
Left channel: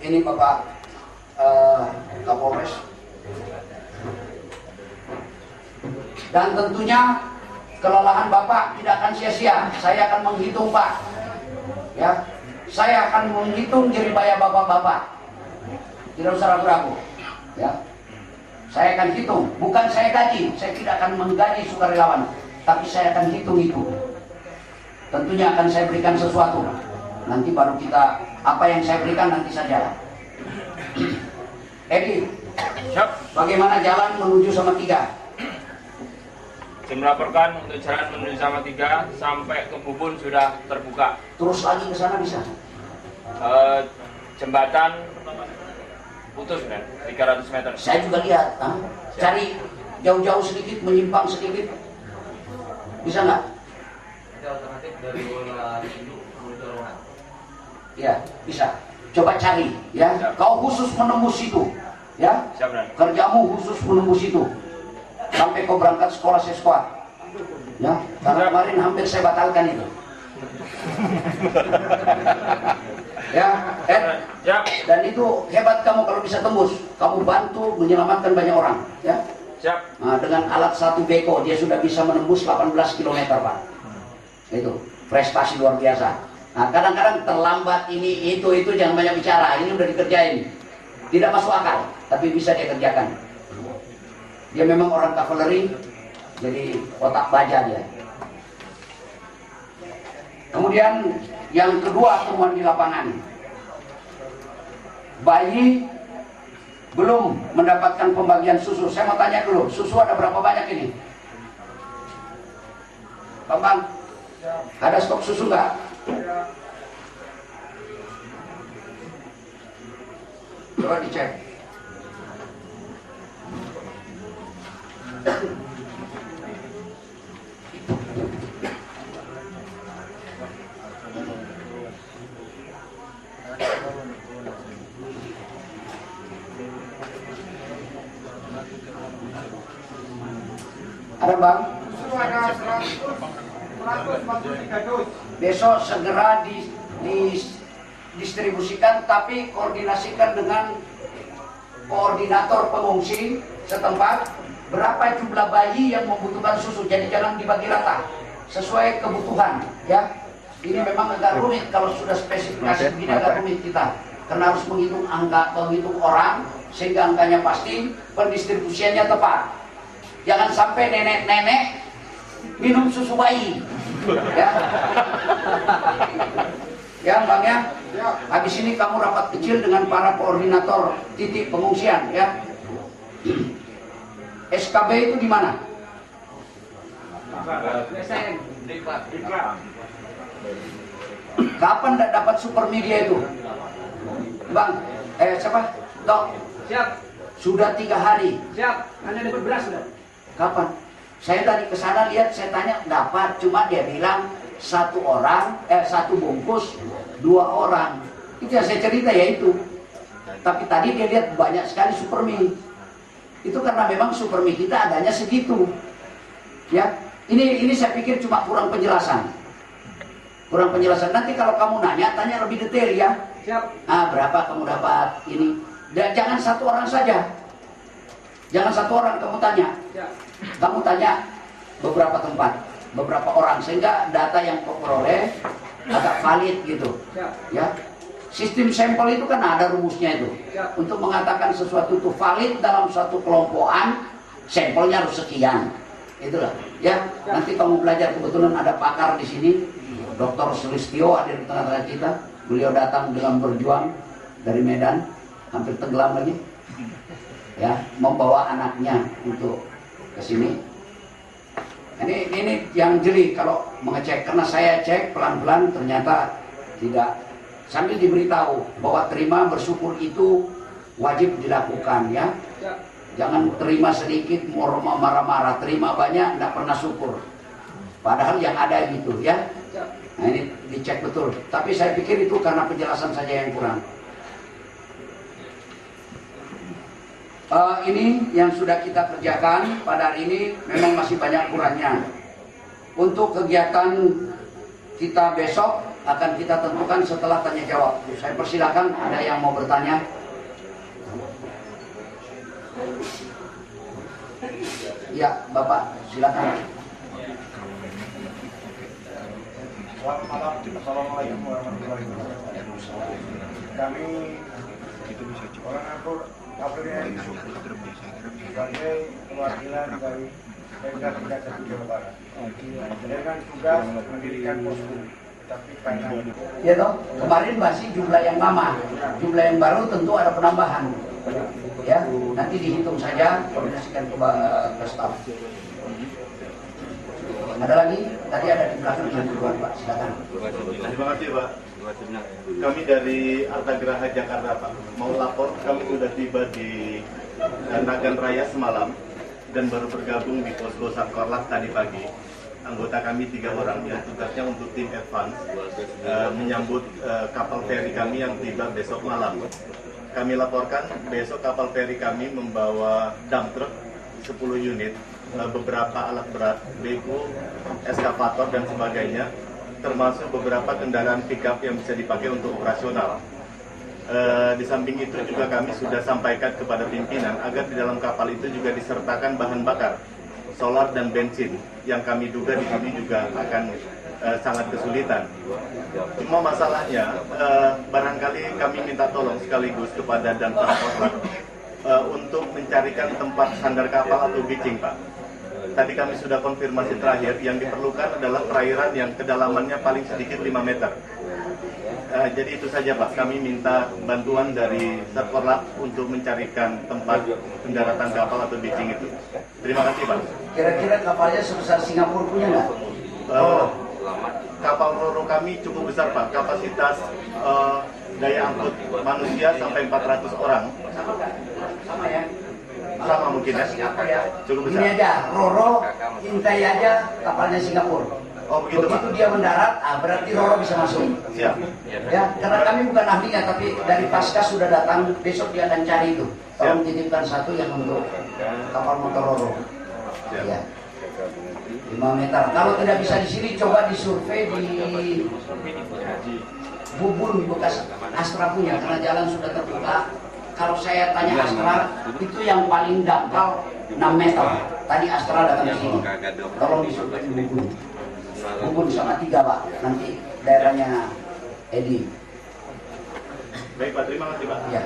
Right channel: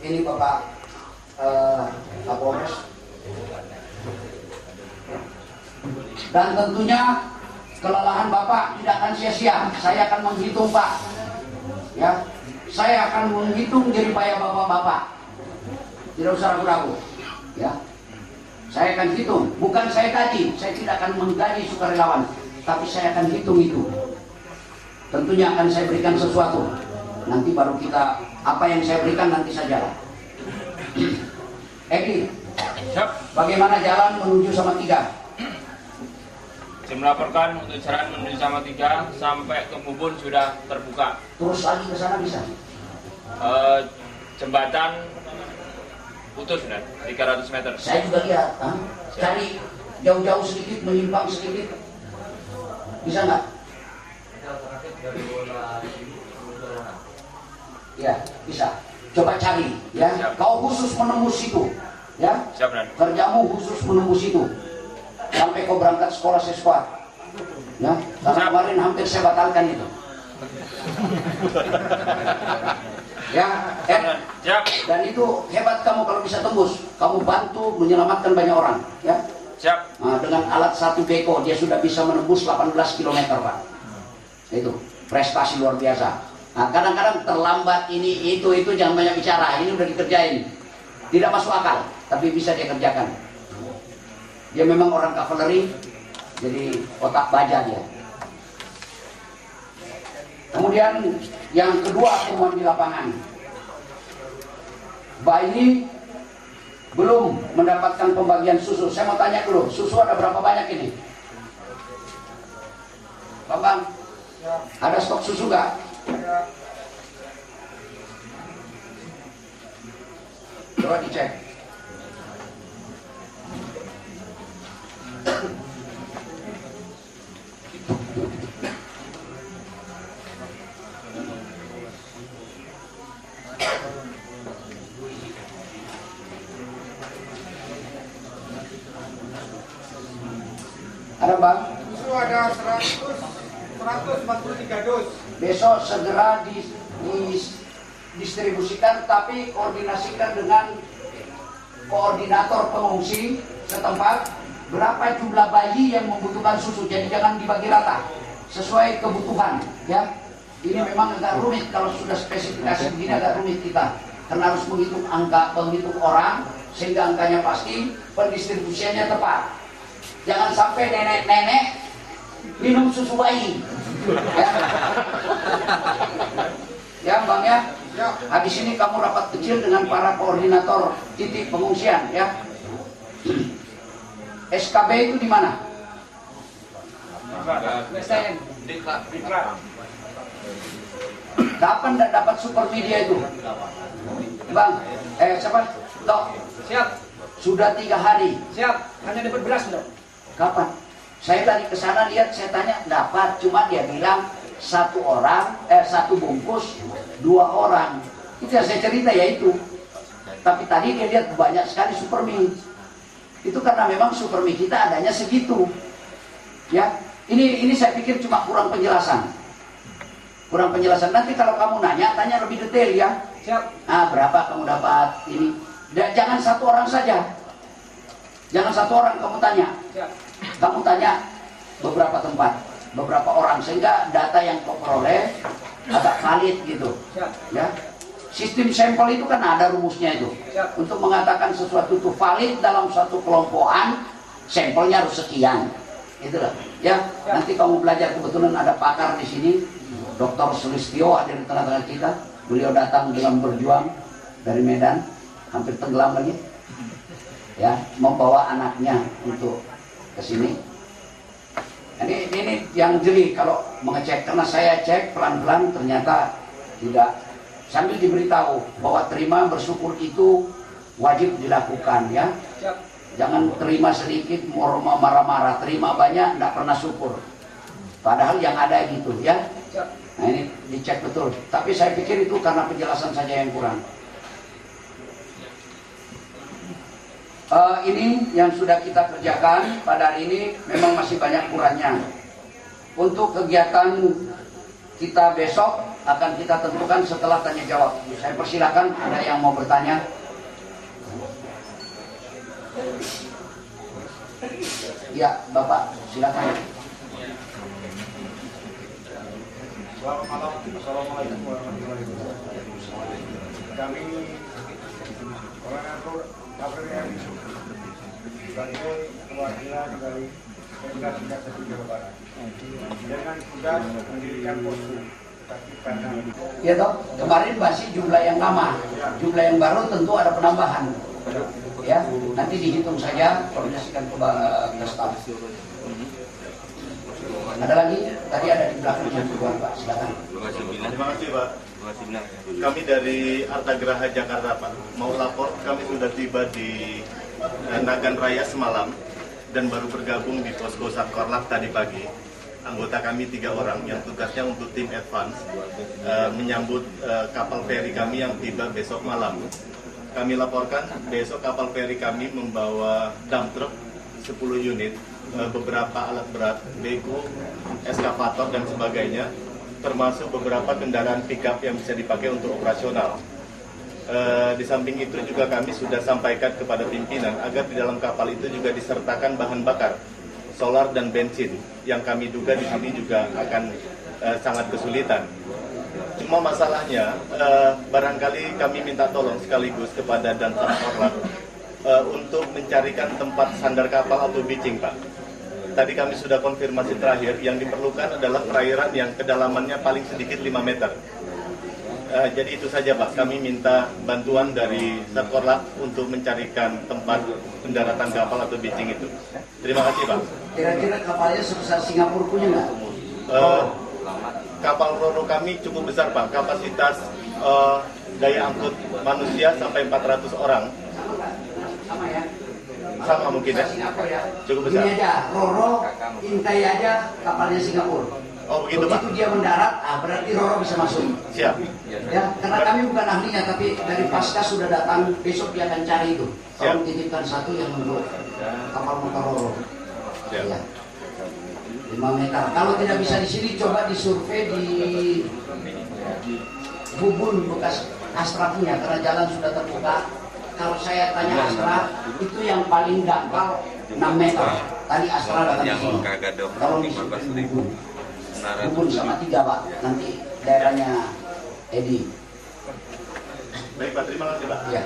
Ini Bapak Kapolres. Dan tentunya kelelahan Bapak tidak akan sia-sia. Saya akan menghitung Pak. Ya, saya akan menghitung jerih payah Bapak-bapak. Tidak usah ragu-ragu. Ya, saya akan hitung. Bukan saya gaji. Saya tidak akan menggaji sukarelawan, tapi saya akan hitung itu. Tentunya akan saya berikan sesuatu. Nanti baru kita, apa yang saya berikan nanti saja. Edi, bagaimana jalan menuju Salatiga? Saya melaporkan untuk jalan menuju Salatiga sampai ke Bubun sudah terbuka. Terus lagi ke sana bisa? Jembatan putus, 300 meter. Saya juga lihat. Cari jauh-jauh sedikit, menyimpang sedikit. Bisa nggak? Ya, bisa. Coba cari, ya. Siap. Kau khusus menembus itu, ya. Siap, Dan. Kerjamu khusus menembus itu. Sampai kau berangkat sekolah siswa, ya. Karena Siap. kemarin hampir saya batalkan itu. Ya, Siap. dan itu hebat kamu kalau bisa tembus. Kamu bantu menyelamatkan banyak orang, ya. Siap. Nah, dengan alat 1 beko dia sudah bisa menembus 18 km, Pak. Itu prestasi luar biasa. Nah, kadang-kadang terlambat ini, itu, jangan banyak bicara. Ini udah dikerjain. Tidak masuk akal, tapi bisa dia kerjakan. Dia memang orang kavaleri, jadi otak baja dia. Kemudian yang kedua temuan di lapangan. Bayi belum mendapatkan pembagian susu. Saya mau tanya dulu, susu ada berapa banyak ini? Bambang, ada stok susu nggak? Coba dicek. Ada bang? Susu ada 143 dus. Besok segera didistribusikan, tapi koordinasikan dengan koordinator pengungsi setempat berapa jumlah bayi yang membutuhkan susu. Jadi jangan dibagi rata, sesuai kebutuhan ya. Ini memang agak rumit kalau sudah spesifikasi begini, agak rumit kita karena harus menghitung angka, menghitung orang sehingga angkanya pasti, pendistribusiannya tepat. Jangan sampai nenek-nenek minum susu bayi ya. Ya bang ya. Habis ini kamu rapat kecil dengan para koordinator titik pengungsian ya. SKB itu di mana? Kapan dapat super media itu? Bang, siapa? Tok. Siap. Sudah 3 hari. Siap. Hanya dapat beras sudah. Kapan? Saya tadi ke sana lihat, saya tanya dapat, cuma dia bilang 1 bungkus 2 orang. Itu yang saya cerita ya itu. Tapi tadi dia lihat banyak sekali supermi. Itu karena memang supermi kita adanya segitu. Ya, ini saya pikir cuma kurang penjelasan. Kurang penjelasan. Nanti kalau kamu nanya, tanya lebih detail ya. Siap. Berapa kamu dapat ini? Dan jangan 1 orang saja. Jangan 1 orang kamu tanya. Siap. Kamu tanya beberapa tempat, beberapa orang, sehingga data yang kau peroleh agak valid gitu. Siap. Ya, sistem sampel itu kan ada rumusnya itu. Siap. Untuk mengatakan sesuatu itu valid dalam suatu kelompokan, sampelnya harus sekian. Itulah. Ya, Siap. nanti kamu belajar, kebetulan ada pakar di sini, Dr. Sulistyo ada di tengah-tengah kita. Beliau datang dengan berjuang dari Medan, hampir tenggelam lagi. Ya, membawa anaknya untuk ke sini. Ini yang jeli kalau mengecek, karena saya cek pelan-pelan ternyata tidak, sambil diberitahu bahwa terima bersyukur itu wajib dilakukan ya. Siap. Jangan terima sedikit marah-marah, terima banyak tidak pernah syukur. Padahal yang ada gitu ya. Siap. Nah ini dicek betul. Tapi saya pikir itu karena penjelasan saja yang kurang. Ini yang sudah kita kerjakan pada hari ini memang masih banyak kurangnya. Untuk kegiatan kita besok akan kita tentukan setelah tanya jawab. Saya persilakan, ada yang mau bertanya. Ya, Bapak, silakan. Selamat malam. Assalamualaikum warahmatullahi wabarakatuh. Kami koordinator KPRI sebagai perwakilan dari Pemda 31 Jawa Barat dengan tugas mendirikan posko. Tetapi karena Ya toh, kemarin masih jumlah yang lama, jumlah yang baru tentu ada penambahan. Ya, nanti dihitung saja, koordinasikan ke staf. Ada lagi? Tadi ada di belakang yang kedua, Pak. Silakan. Terima kasih Pak. Kami dari Arta Geraha Jakarta Pak, mau lapor kami sudah tiba di Nagan Raya semalam dan baru bergabung di posko Satkorlap tadi pagi. Anggota kami 3 orang yang tugasnya untuk tim advance menyambut kapal feri kami yang tiba besok malam. Kami laporkan besok kapal feri kami membawa dump truck 10 unit, beberapa alat berat, bego, eskavator dan sebagainya, termasuk beberapa kendaraan pickup yang bisa dipakai untuk operasional. Di samping itu juga kami sudah sampaikan kepada pimpinan agar di dalam kapal itu juga disertakan bahan bakar, solar dan bensin, yang kami duga di sini juga akan sangat kesulitan. Cuma masalahnya barangkali kami minta tolong sekaligus kepada Danpam Korlap untuk mencarikan tempat sandar kapal atau beaching, Pak. Tadi kami sudah konfirmasi terakhir, yang diperlukan adalah perairan yang kedalamannya paling sedikit 5 meter. Jadi itu saja, Pak. Kami minta bantuan dari Satkorlap untuk mencarikan tempat pendaratan kapal atau beaching itu. Terima kasih, Pak. Kira-kira kapalnya sebesar Singapura punya nggak? Kapal Roro kami cukup besar, Pak. Kapasitas daya angkut manusia sampai 400 orang. Sama ya? Sama mungkin ya? Cukup besar. Ini aja, Roro, Intai aja kapalnya Singapura. Oh begitu, Pak. Begitu dia mendarat, berarti Roro bisa masuk. Siap. Ya, karena kami bukan ahlinya, tapi dari pasca sudah datang, besok dia akan cari itu. Tolong titipkan satu yang untuk kapal motor Roro. Siap. Ya. 5 meter. Kalau tidak bisa di sini, coba disurvei di Bubun bekas Astra punya, karena jalan sudah terbuka. Kalau saya tanya Astra, itu yang paling dangkal 6 meter. Tadi Astra datang di sini. Tolong disurvei di Bubun. Bubun sama 3, Pak. Nanti daerahnya Edi. Baik, Pak. Terima kasih, Pak. Ya.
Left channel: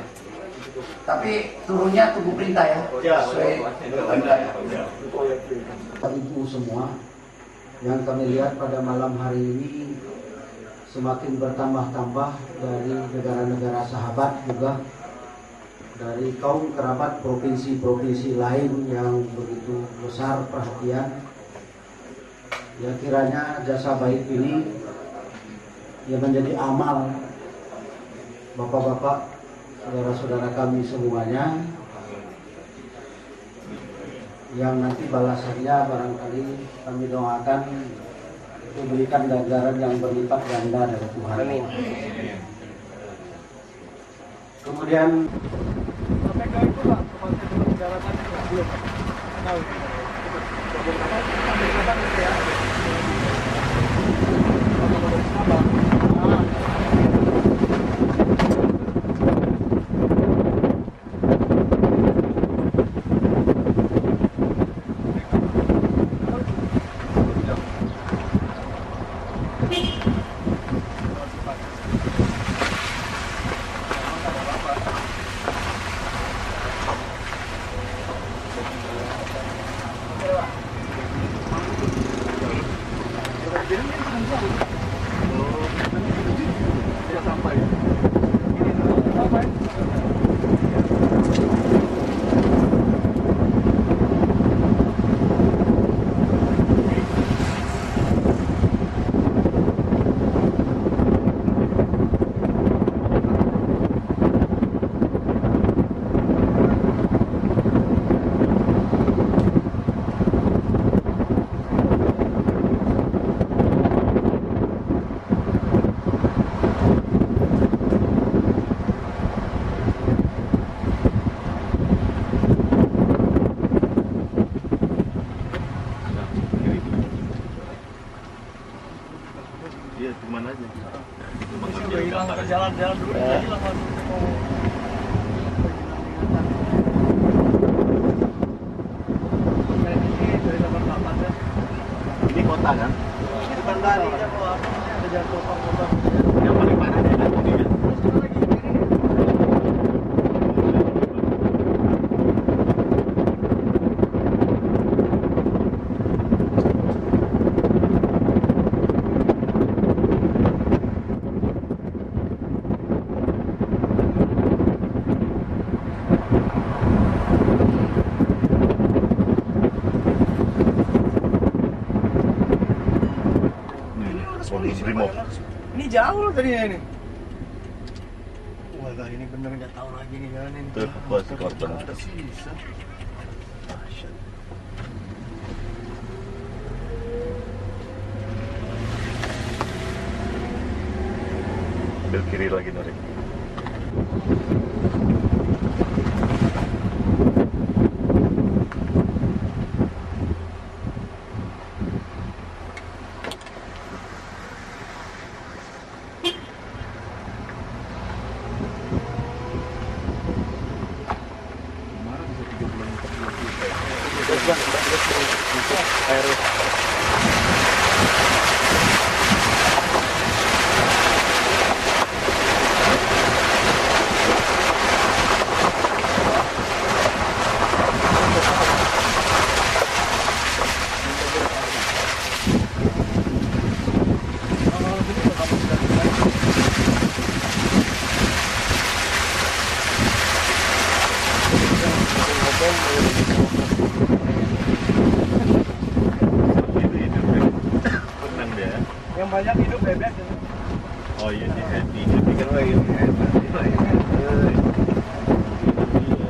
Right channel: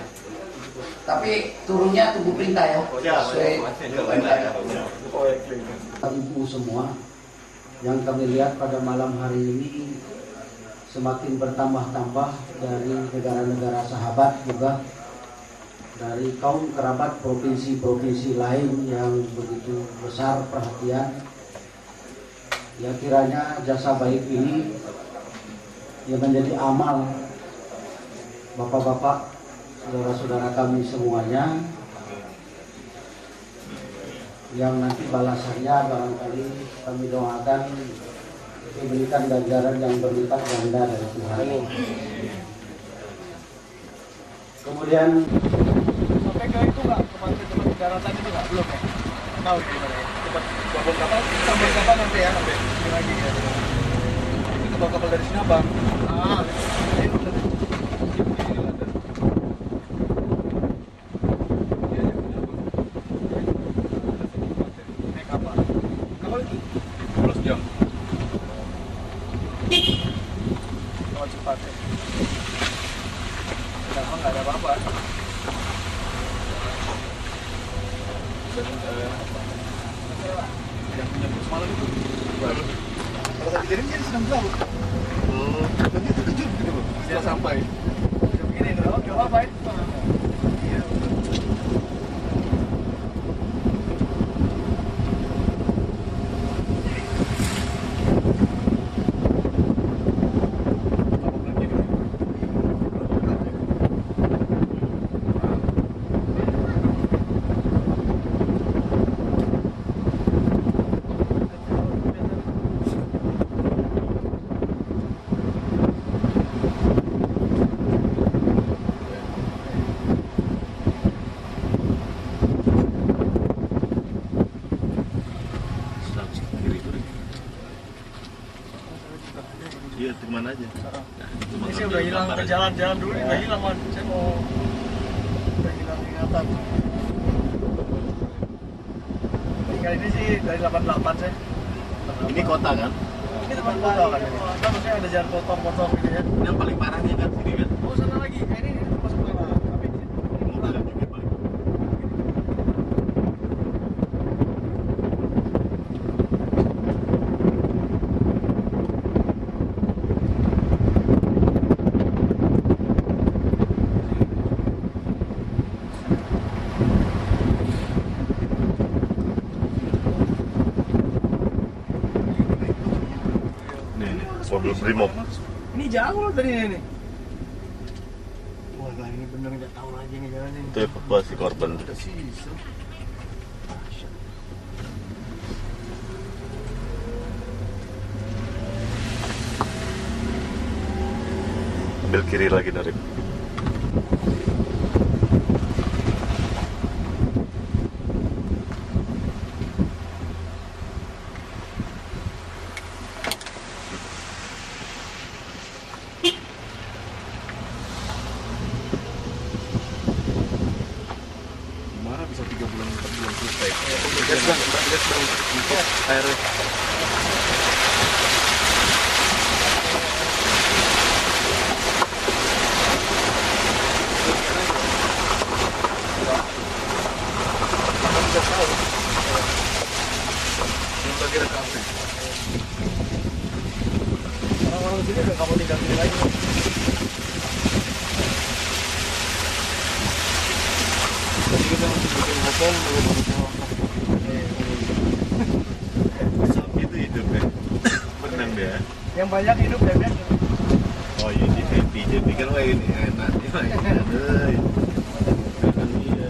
Tapi turunnya tunggu perintah ya. Sesuai perintah ya. Ibu semua, yang kami lihat pada malam hari ini semakin bertambah-tambah dari negara-negara sahabat, juga dari kaum kerabat provinsi-provinsi lain yang begitu besar perhatian. Ya, kiranya jasa baik ini yang menjadi amal bapak-bapak, saudara-saudara kami semuanya, yang nanti balasannya barangkali kami doakan diberikan ganjaran yang berlipat ganda dari Tuhan. Amin. Kemudian Sampai ke itu nggak, tempat pendaratan itu nggak? Belum. Tahu itu. Gabung kapal sampai ke sana nanti ya. Kapal dari Subang. Iya, kemana aja? Saya udah hilang ke jalan-jalan dulu, udah hilang langsung saya mau ingatan. Ya ini sih dari 88 saya. Ini kota kan? Ini depan kota kan? Apa maksudnya ada jalan potong-potong gitu ya. Yang paling parahnya kan mungkin kan? Oh, sana lagi, ini Brimob. ini jauh loh tadinya ini. Wah, ini bener nggak tahu lagi nih jalan ini. Itu evakuasi korban. Bisa. Ambil kiri lagi dari. Gas bang, air. Kalau di sini nggak kamu tidak lagi. Jadi kita bikin ngopong, Sapi itu hidup ya. Benar ya. yang banyak hidup bebek. Oh iya dia happy, dia pikir wah ini enak, gimana? Mainan dia.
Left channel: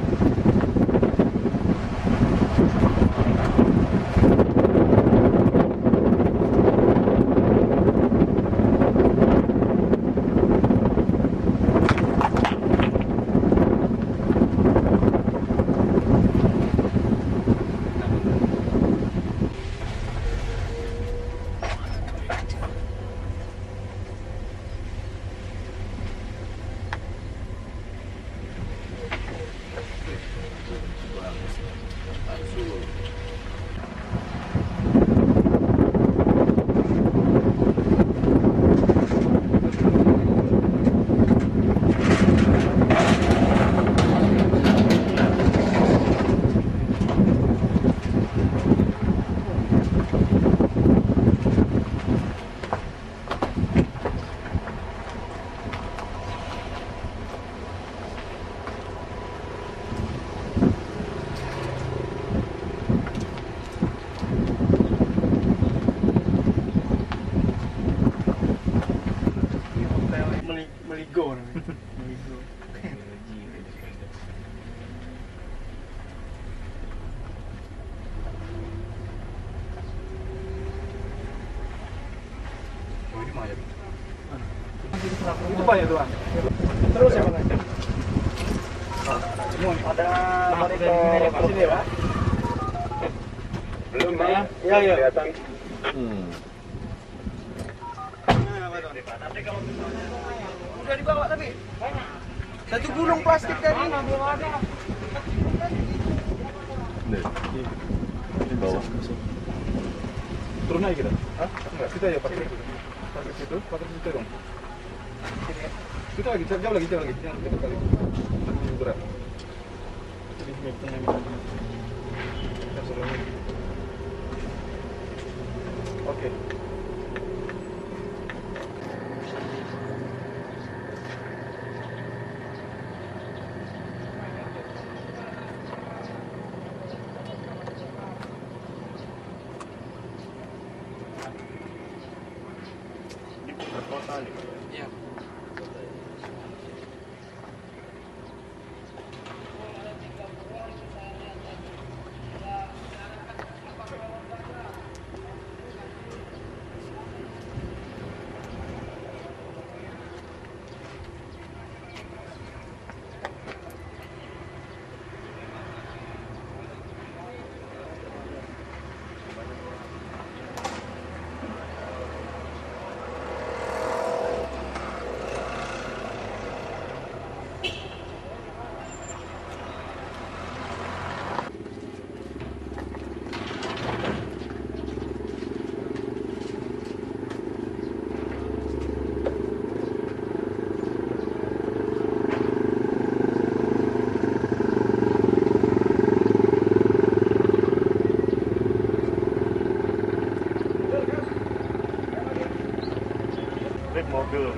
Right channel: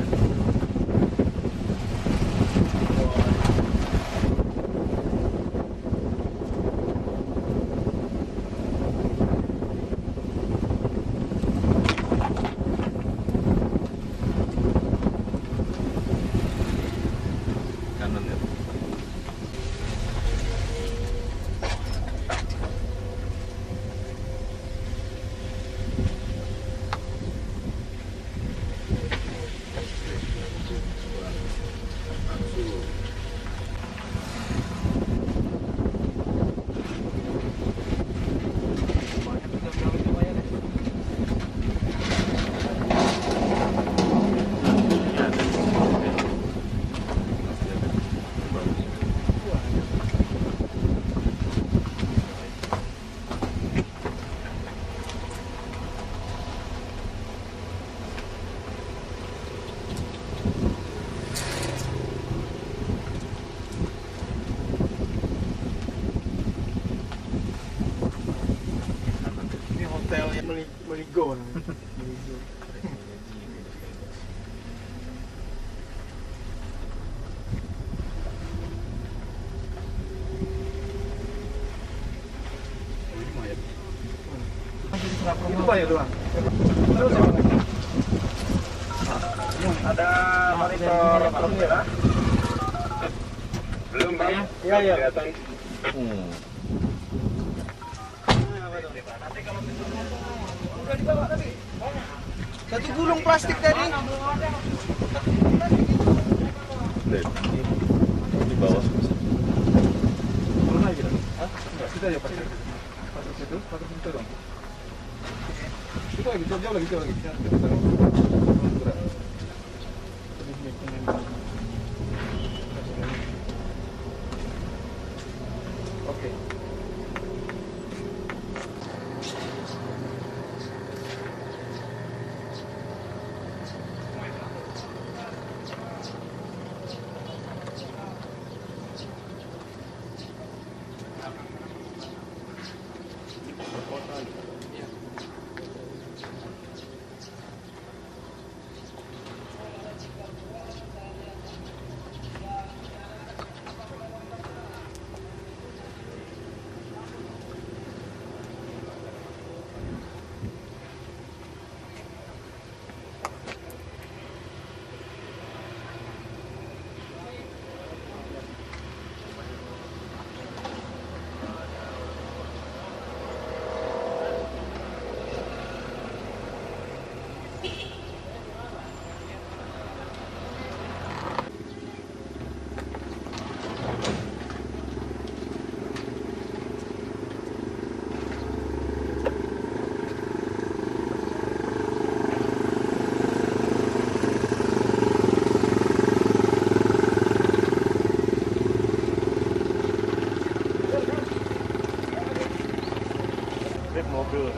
Ini hotel Meligo nih. Meligo. Itu Pak ya doang. Terus apa lagi? Ada monitor sini ya. Belum, Pak. Iya, iya. Kelihatan. Udah dibawa tapi. Satu gulung plastik tadi. Ini bawah. Turun lagi kita. Hah? Enggak, kita aja pakai. Pakai situ dong. Kita lagi, jauh lagi. Jangan dekat kali. Berat. Jadi ini pengen. Oke. Mobil.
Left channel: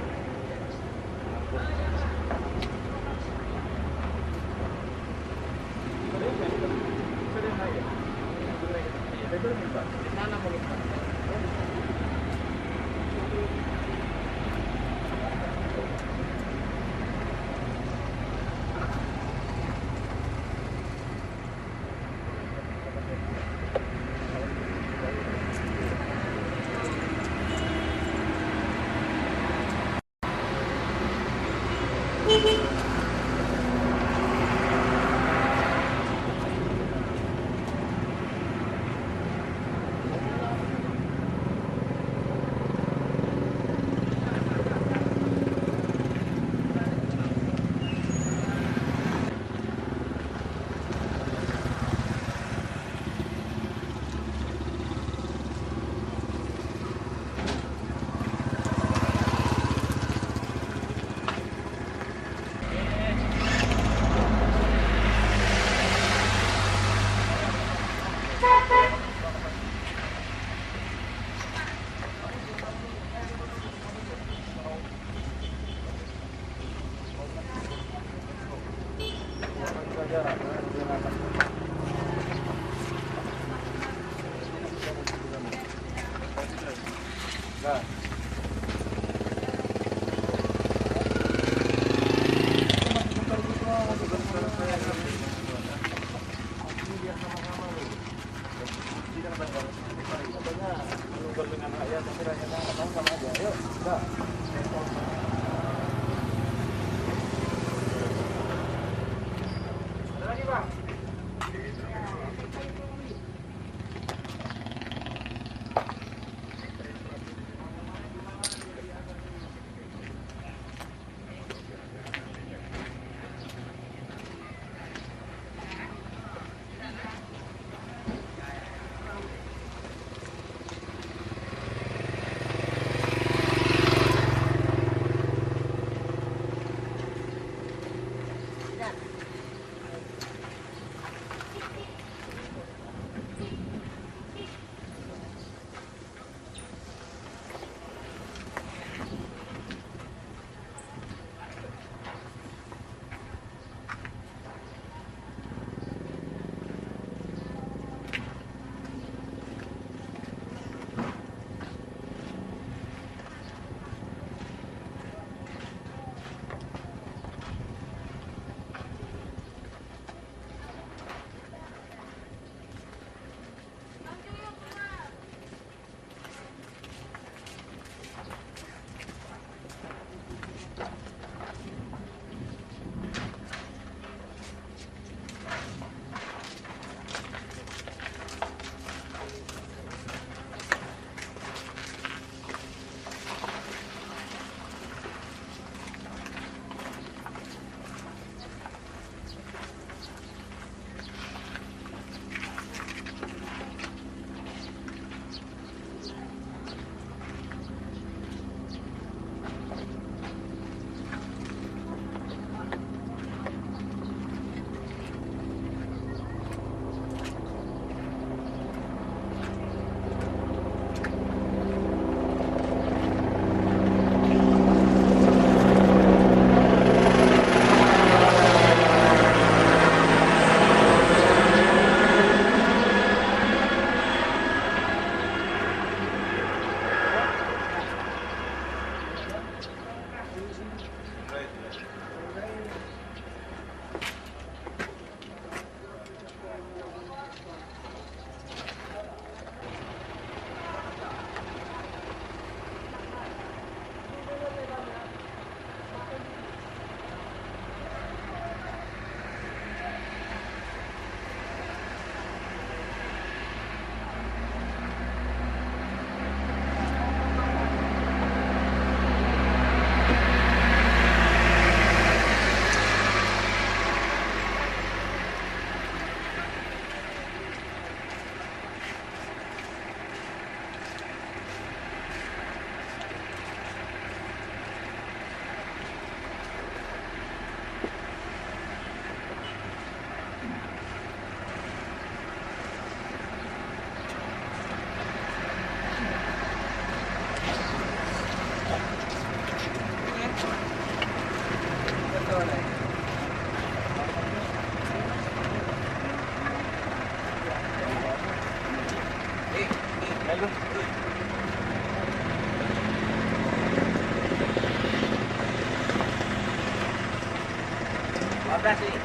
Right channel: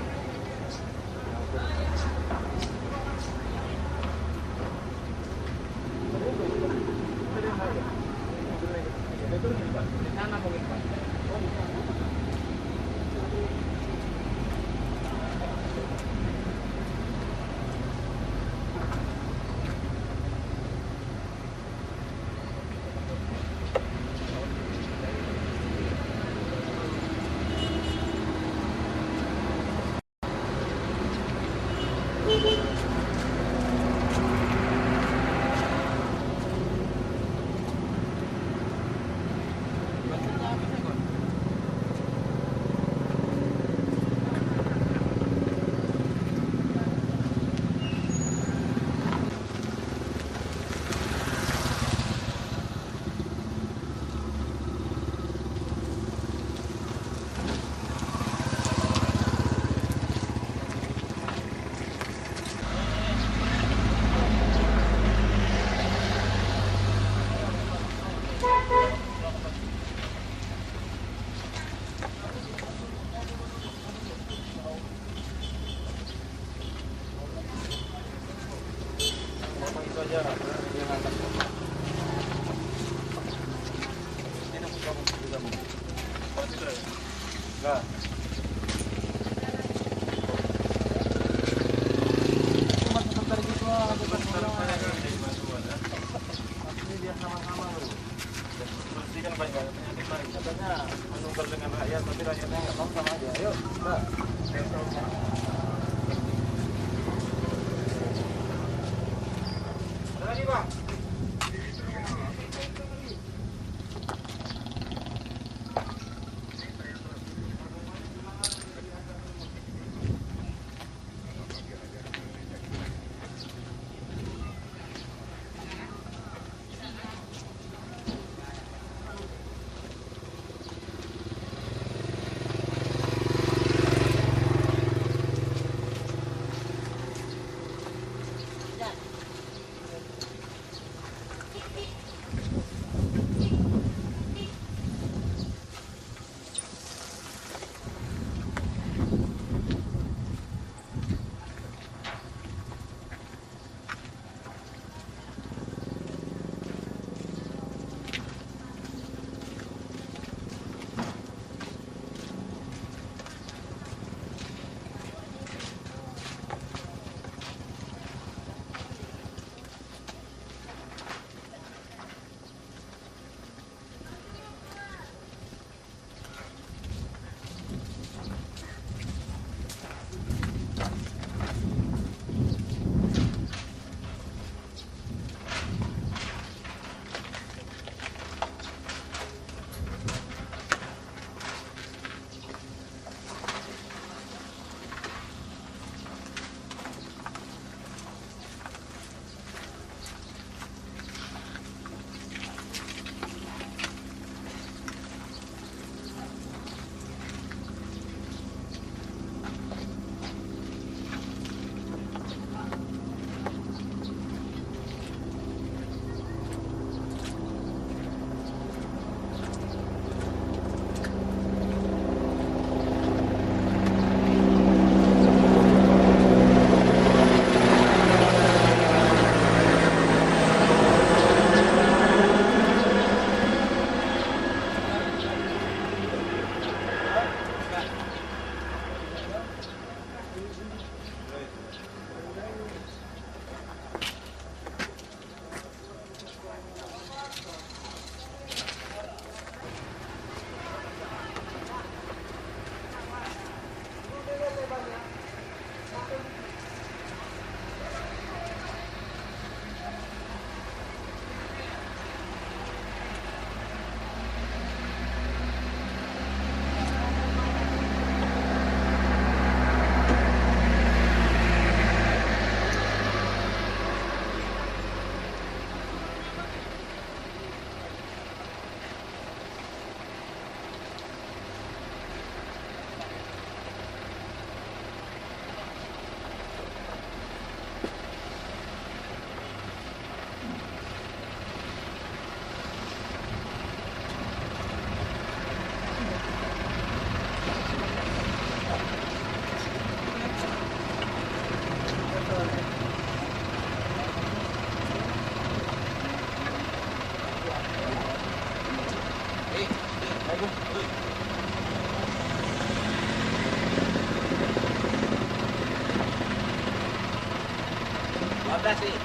12 nih.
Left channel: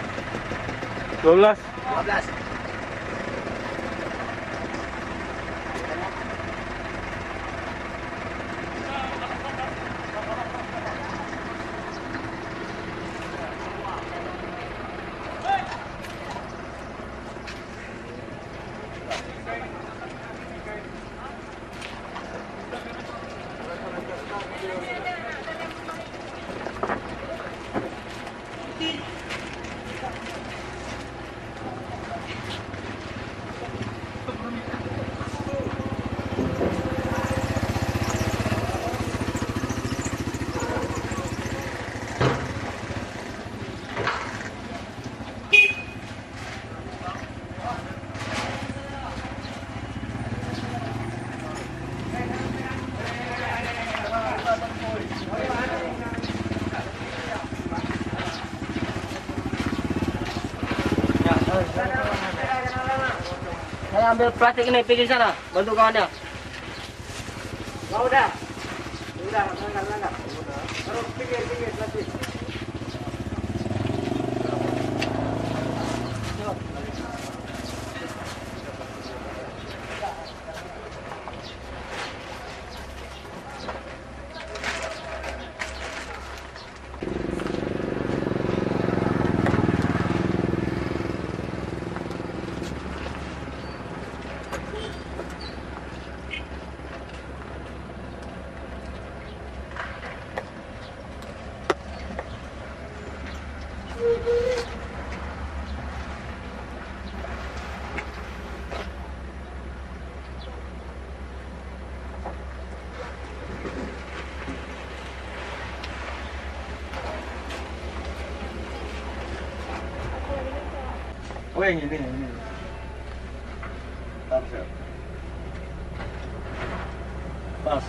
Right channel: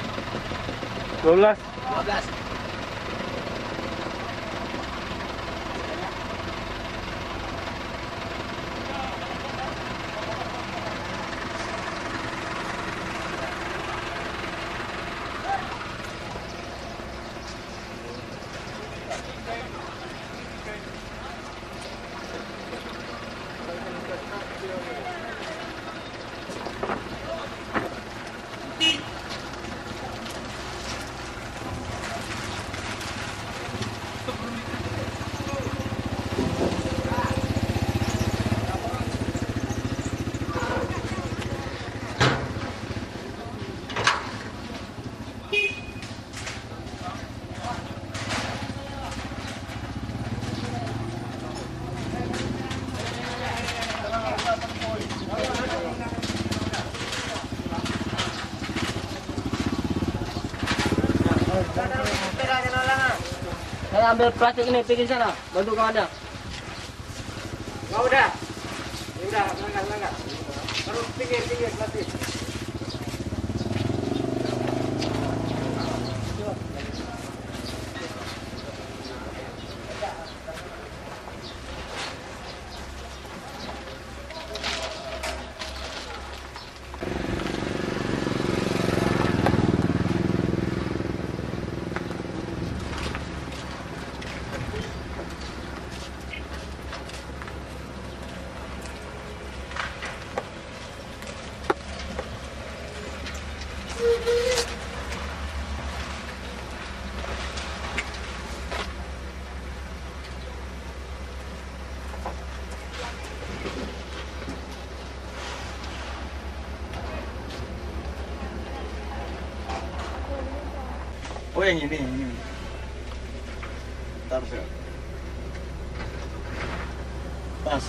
12. 12. Saya ambil plastik ini, pergi sana, bantu kawannya. Ya udah. Udah, enggak. Terus pinggir plastik. Oh yang ini. Tarsel. Pas.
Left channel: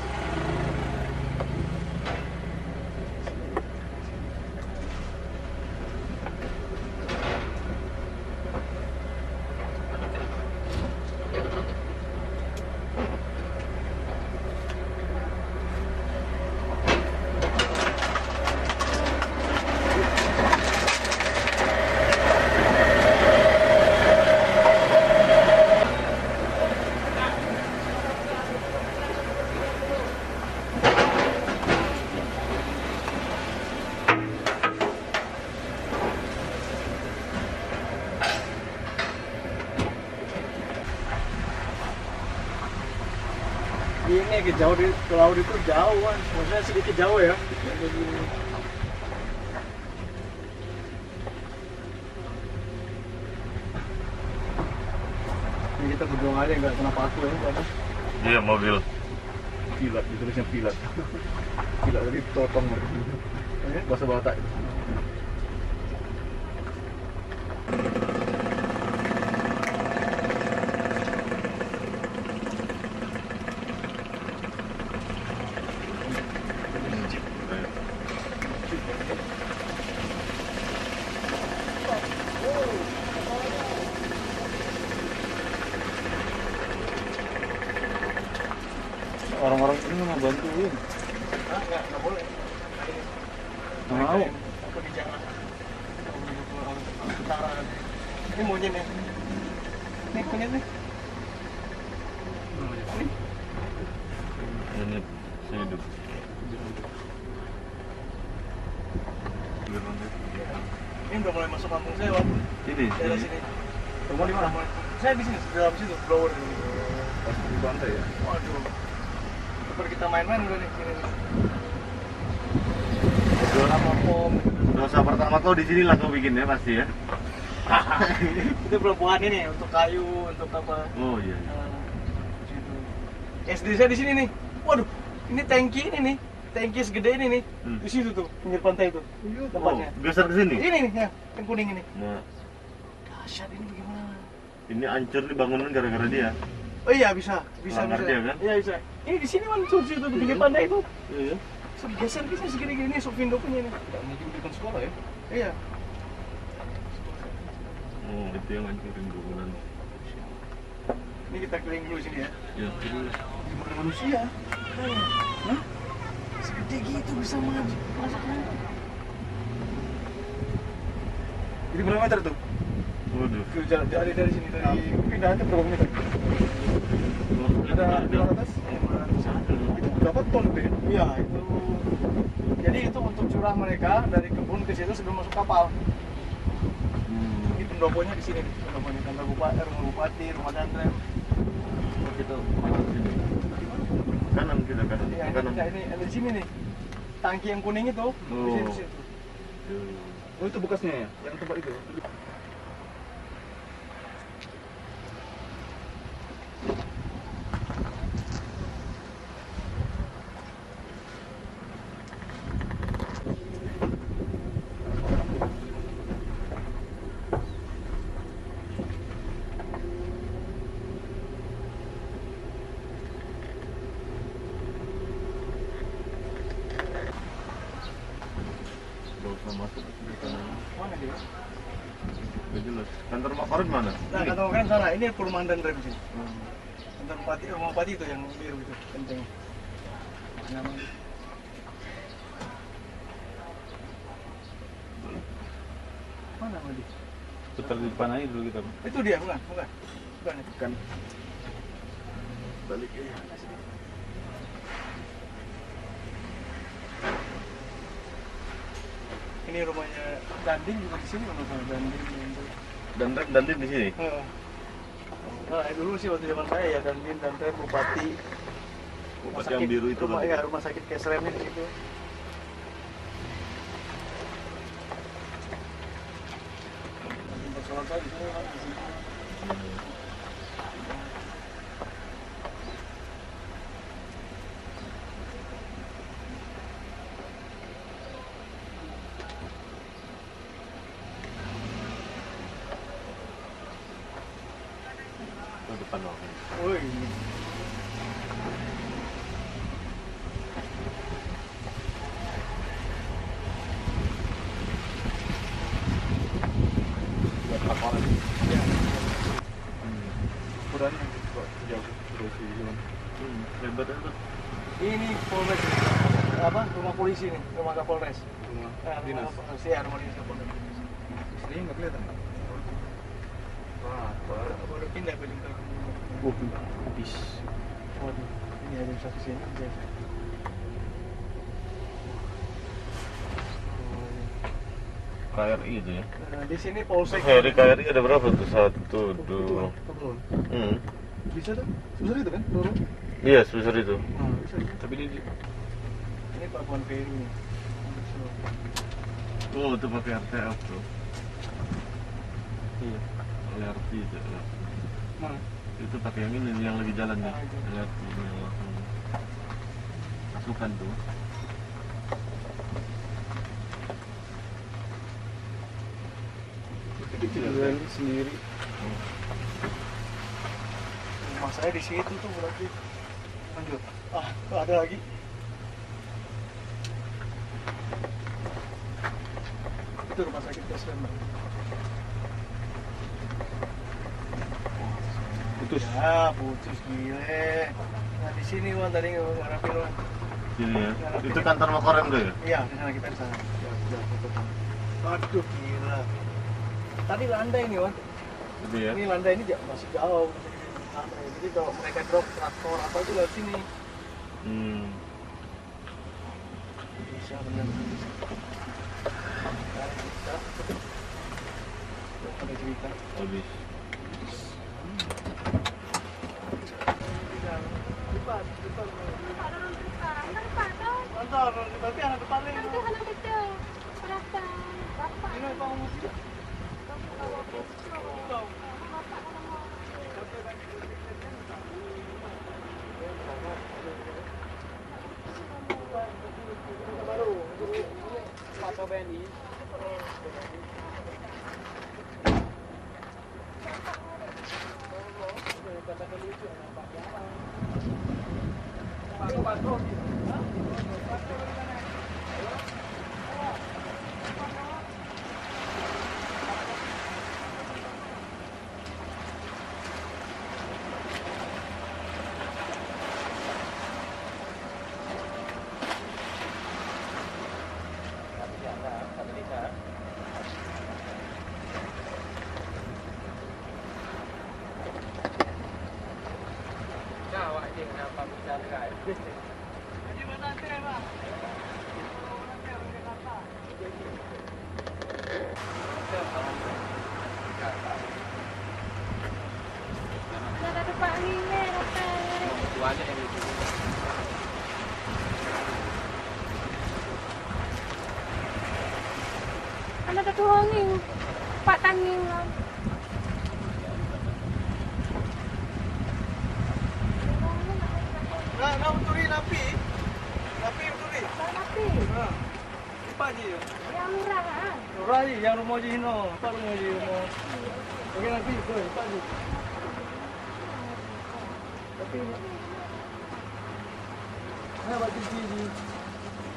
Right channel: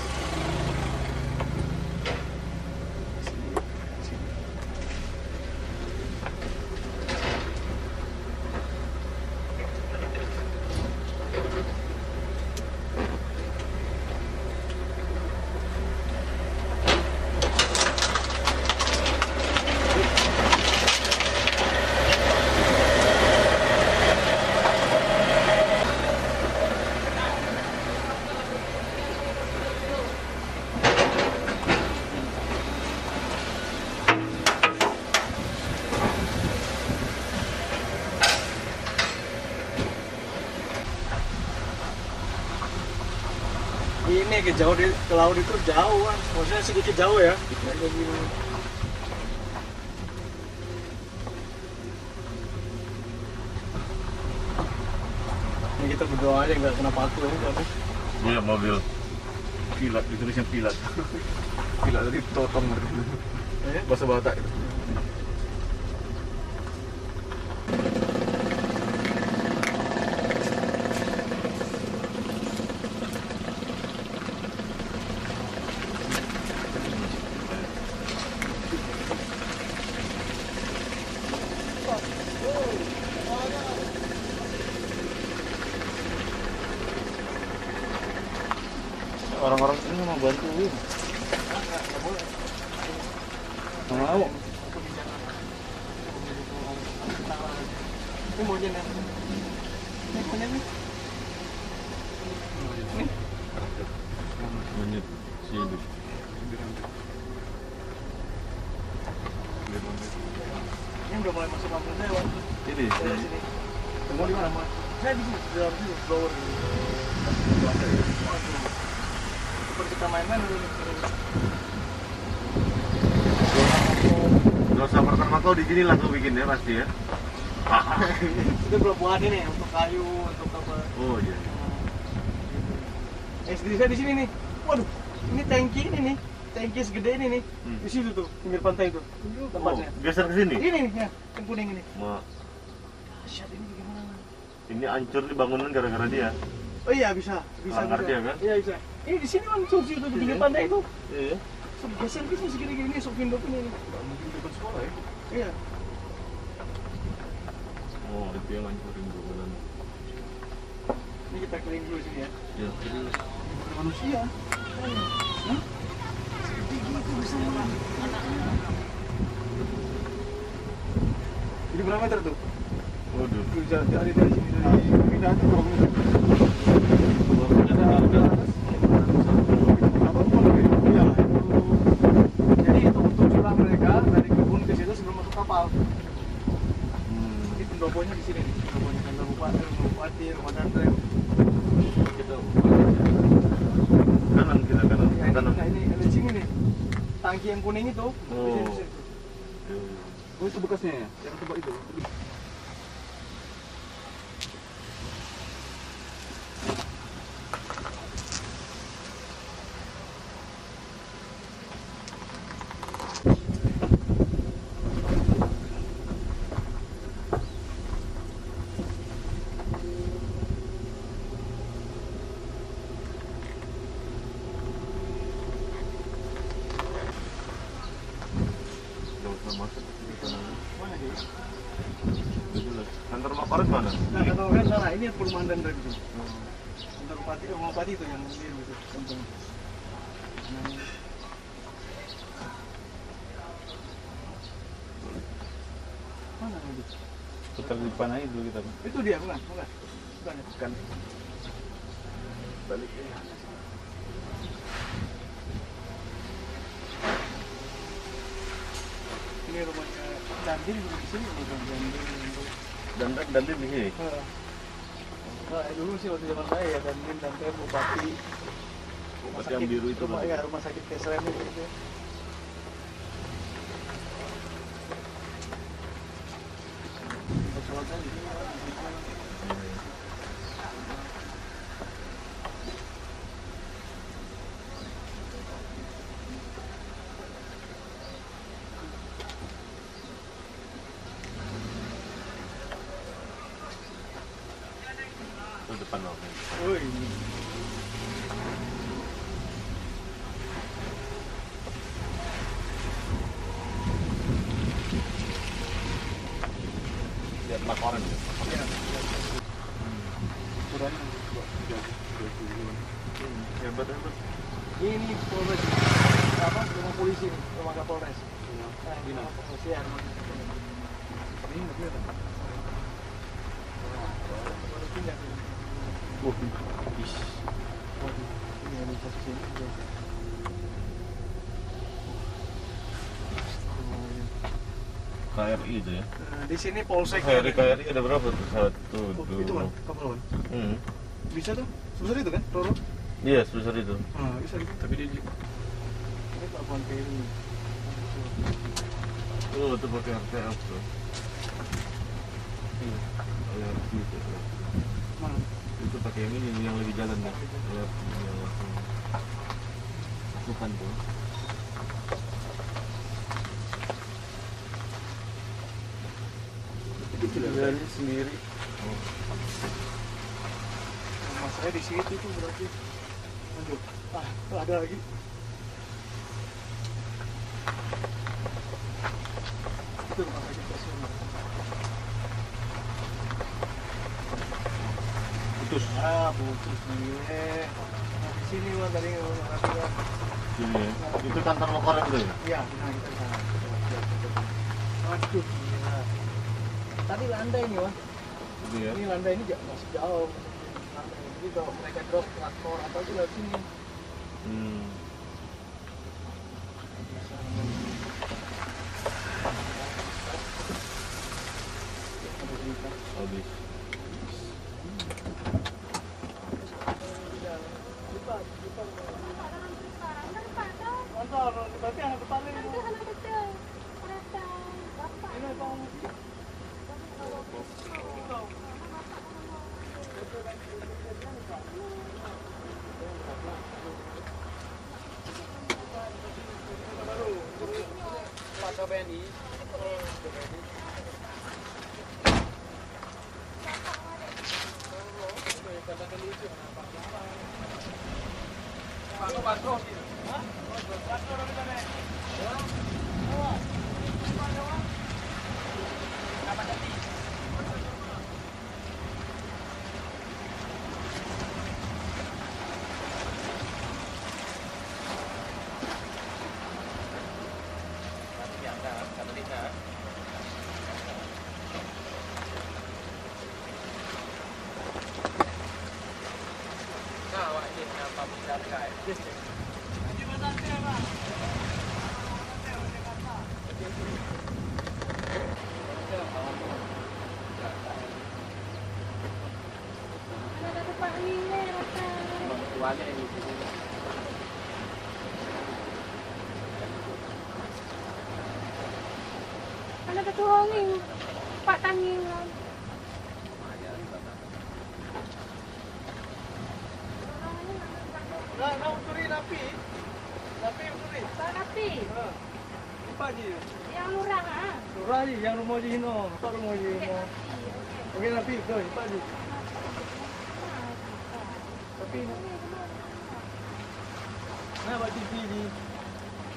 Ini ke jauh ke laut itu jauh kan, maksudnya sedikit jauh ya. Ini kita berdoa aja nggak kena paku kan? Iya, mobil. Pilat, ditulisnya pilat. Pilat tadi totong. Bahasa Batak. Orang-orang ini mau bantuin. Nggak boleh. Nggak mau. Ini maunya nih. Ini punya nih. Ini si hidup. Ini udah mulai masuk kampung saya, Bang. Ini. Saya di sini. Kamu di mana, Mas? Saya di sini, di dalam situ, blower dulu. Di pantai. Waduh. Seperti kita main-main udah di sini. Dosa pertama kau di sini lah kau bikin ya pasti ya. Itu belum buat ini untuk kayu, untuk apa? Oh iya. SD saya di sini nih. Waduh, ini tangki ini nih. Tangki segede ini nih. Di situ tuh, pinggir pantai itu. Tempatnya. Oh, geser ke sini. Ini nih, ya, yang kuning ini. Dahsyat ini bagaimana? Ini hancur nih bangunan gara-gara dia. Oh iya bisa. Langgar dia kan? Iya bisa. Ini di sini kan tuh situ pinggir pantai itu. Iya. Geser bisa segini-gini Sofindo punya ini. Enggak mungkin bukan sekolah ya? Iya. Oh, itu yang hancurin bangunan. Ini kita keliling dulu sini ya. Iya. Manusia. Hah? Segede gitu bisa mana? Di berapa meter tuh? Waduh. Tuh, dari sini, dari pindahan tuh berapa meter? Ada di atas. Berapa ton lebih? Iya, itu. Jadi itu untuk curah mereka dari kebun ke situ sebelum masuk kapal. Ini pendoponya di sini, pendoponya kantor bupati, rumah bupati, rumah danrem. Kita kanan kita kanan. Ya, Kanan. ini di sini nih. Tangki yang kuning itu. Di sini, di sini. Oh itu bekasnya ya? Yang tempat itu? Nggak usah masuk ke kanan. Mana dia? Udah jelas. Kantor Makoret mana? Nah, kalau kan sana, ini perumahan danrem di sini. Kantor bupati, rumah bupati itu yang biru itu, kenceng. Namanya. Mana tadi? Putar di depan aja dulu kita. Itu dia, bukan? Bukan. Bukan. Kan. Balik ya. Ini rumahnya Dandin di sini, rumah Dandin. Dantin di sini. Nah, dulu sih waktu zaman saya ya Dandin, Danten, Bupati. Bupati yang biru itu. Rumah, ya, rumah sakit Kesrem ini gitu. Masalah saya di sini. Oh, depan loh. Oh ini. Lihat laporan. Ya. Kurangnya kok jauh. Hebat hebat. Ini Polres apa? Rumah polisi nih, rumah Kapolres. Rumah Dinas. Rumah polisi, ya, rumah Kapolres. Ini nggak kelihatan. Wah, Baru pindah ke Bintang. Ish. Waduh, ini ada satu sini. KRI itu ya. Nah, di sini Polsek. Di KRI ada berapa tuh? Satu, Itu dua. kan kapal. Bisa tuh? Sebesar itu kan, Roro? Iya, sebesar itu. Bisa gitu. Tapi dia Ini Pakuan Peri. oh, itu pakai RTF tuh. LRT itu. Mana? Itu pakai yang ini yang lagi jalan nih. LRT yang langsung. Bukan tuh. Gali sendiri. Rumah saya di situ tuh berarti. Lanjut. Ada lagi. Itu rumah sakit Kesem. Putus. Putus gile. Nah di sini Wan tadi ngarapin Wan. Sini ya. Itu kantor Makoret tuh ya? Iya, di sana kita di sana. Aduh gila. Tadi landai nih Wan. Itu ya. Ini landai ini masih jauh. Jadi kalau mereka drop traktor apa itu lewat sini. Bisa benar. Ada cerita. Habis. Antar, berarti anak depan ini. Ini apa musik? banyak yang gitu. Anak ketua ini Pak Tangingan. Nah, uturi lapi. Lapi uturi. Tapi Apa aja ya? yang lurang ah. Urari yang rumah Jino, apa rumah Jino? Oke lapi, koi, apa aja? Tapi nah, batu di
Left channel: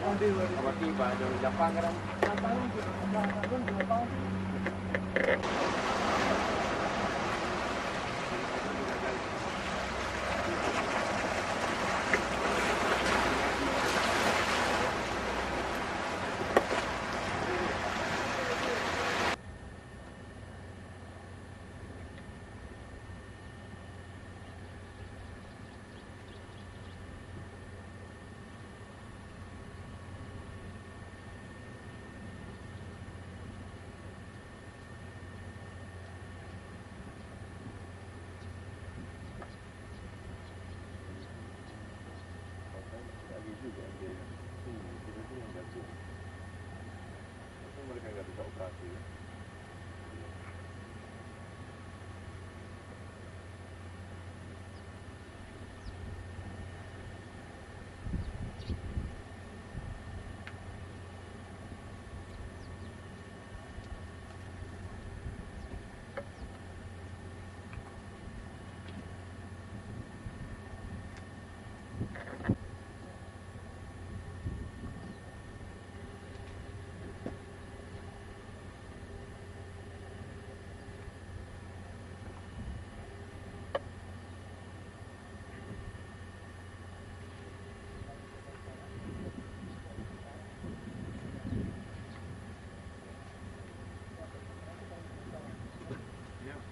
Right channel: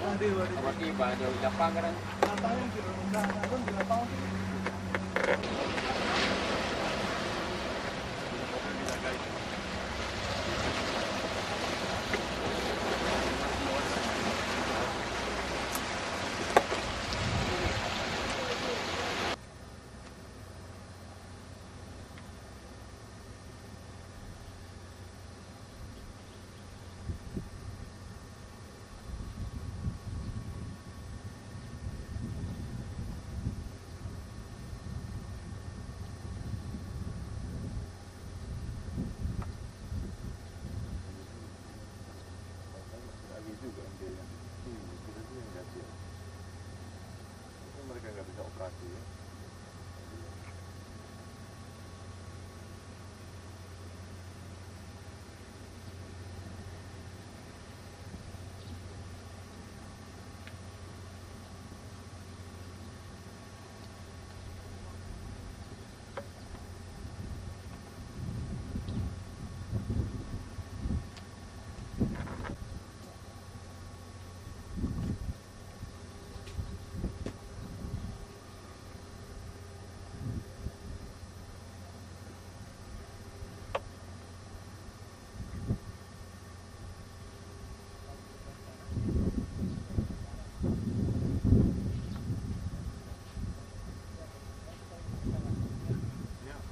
nanti batu baru lapangan. Lapangan. Mereka nggak bisa operasi ya.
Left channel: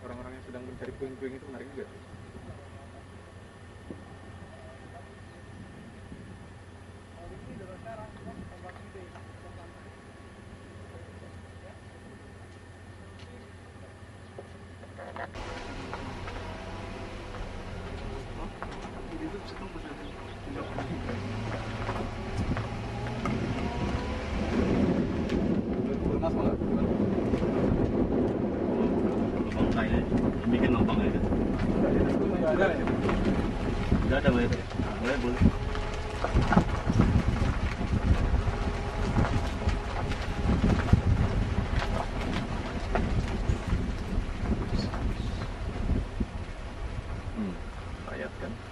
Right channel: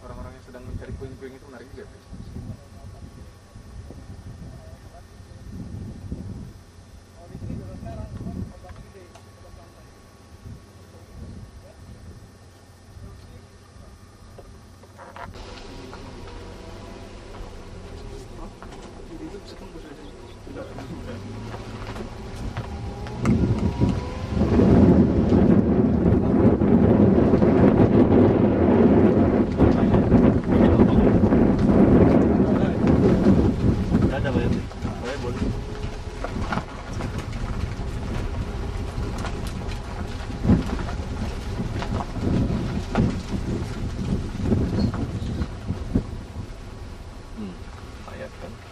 Orang-orang yang sedang mencari puing-puing itu menarik juga. Ada boleh, boleh. Ayat kan.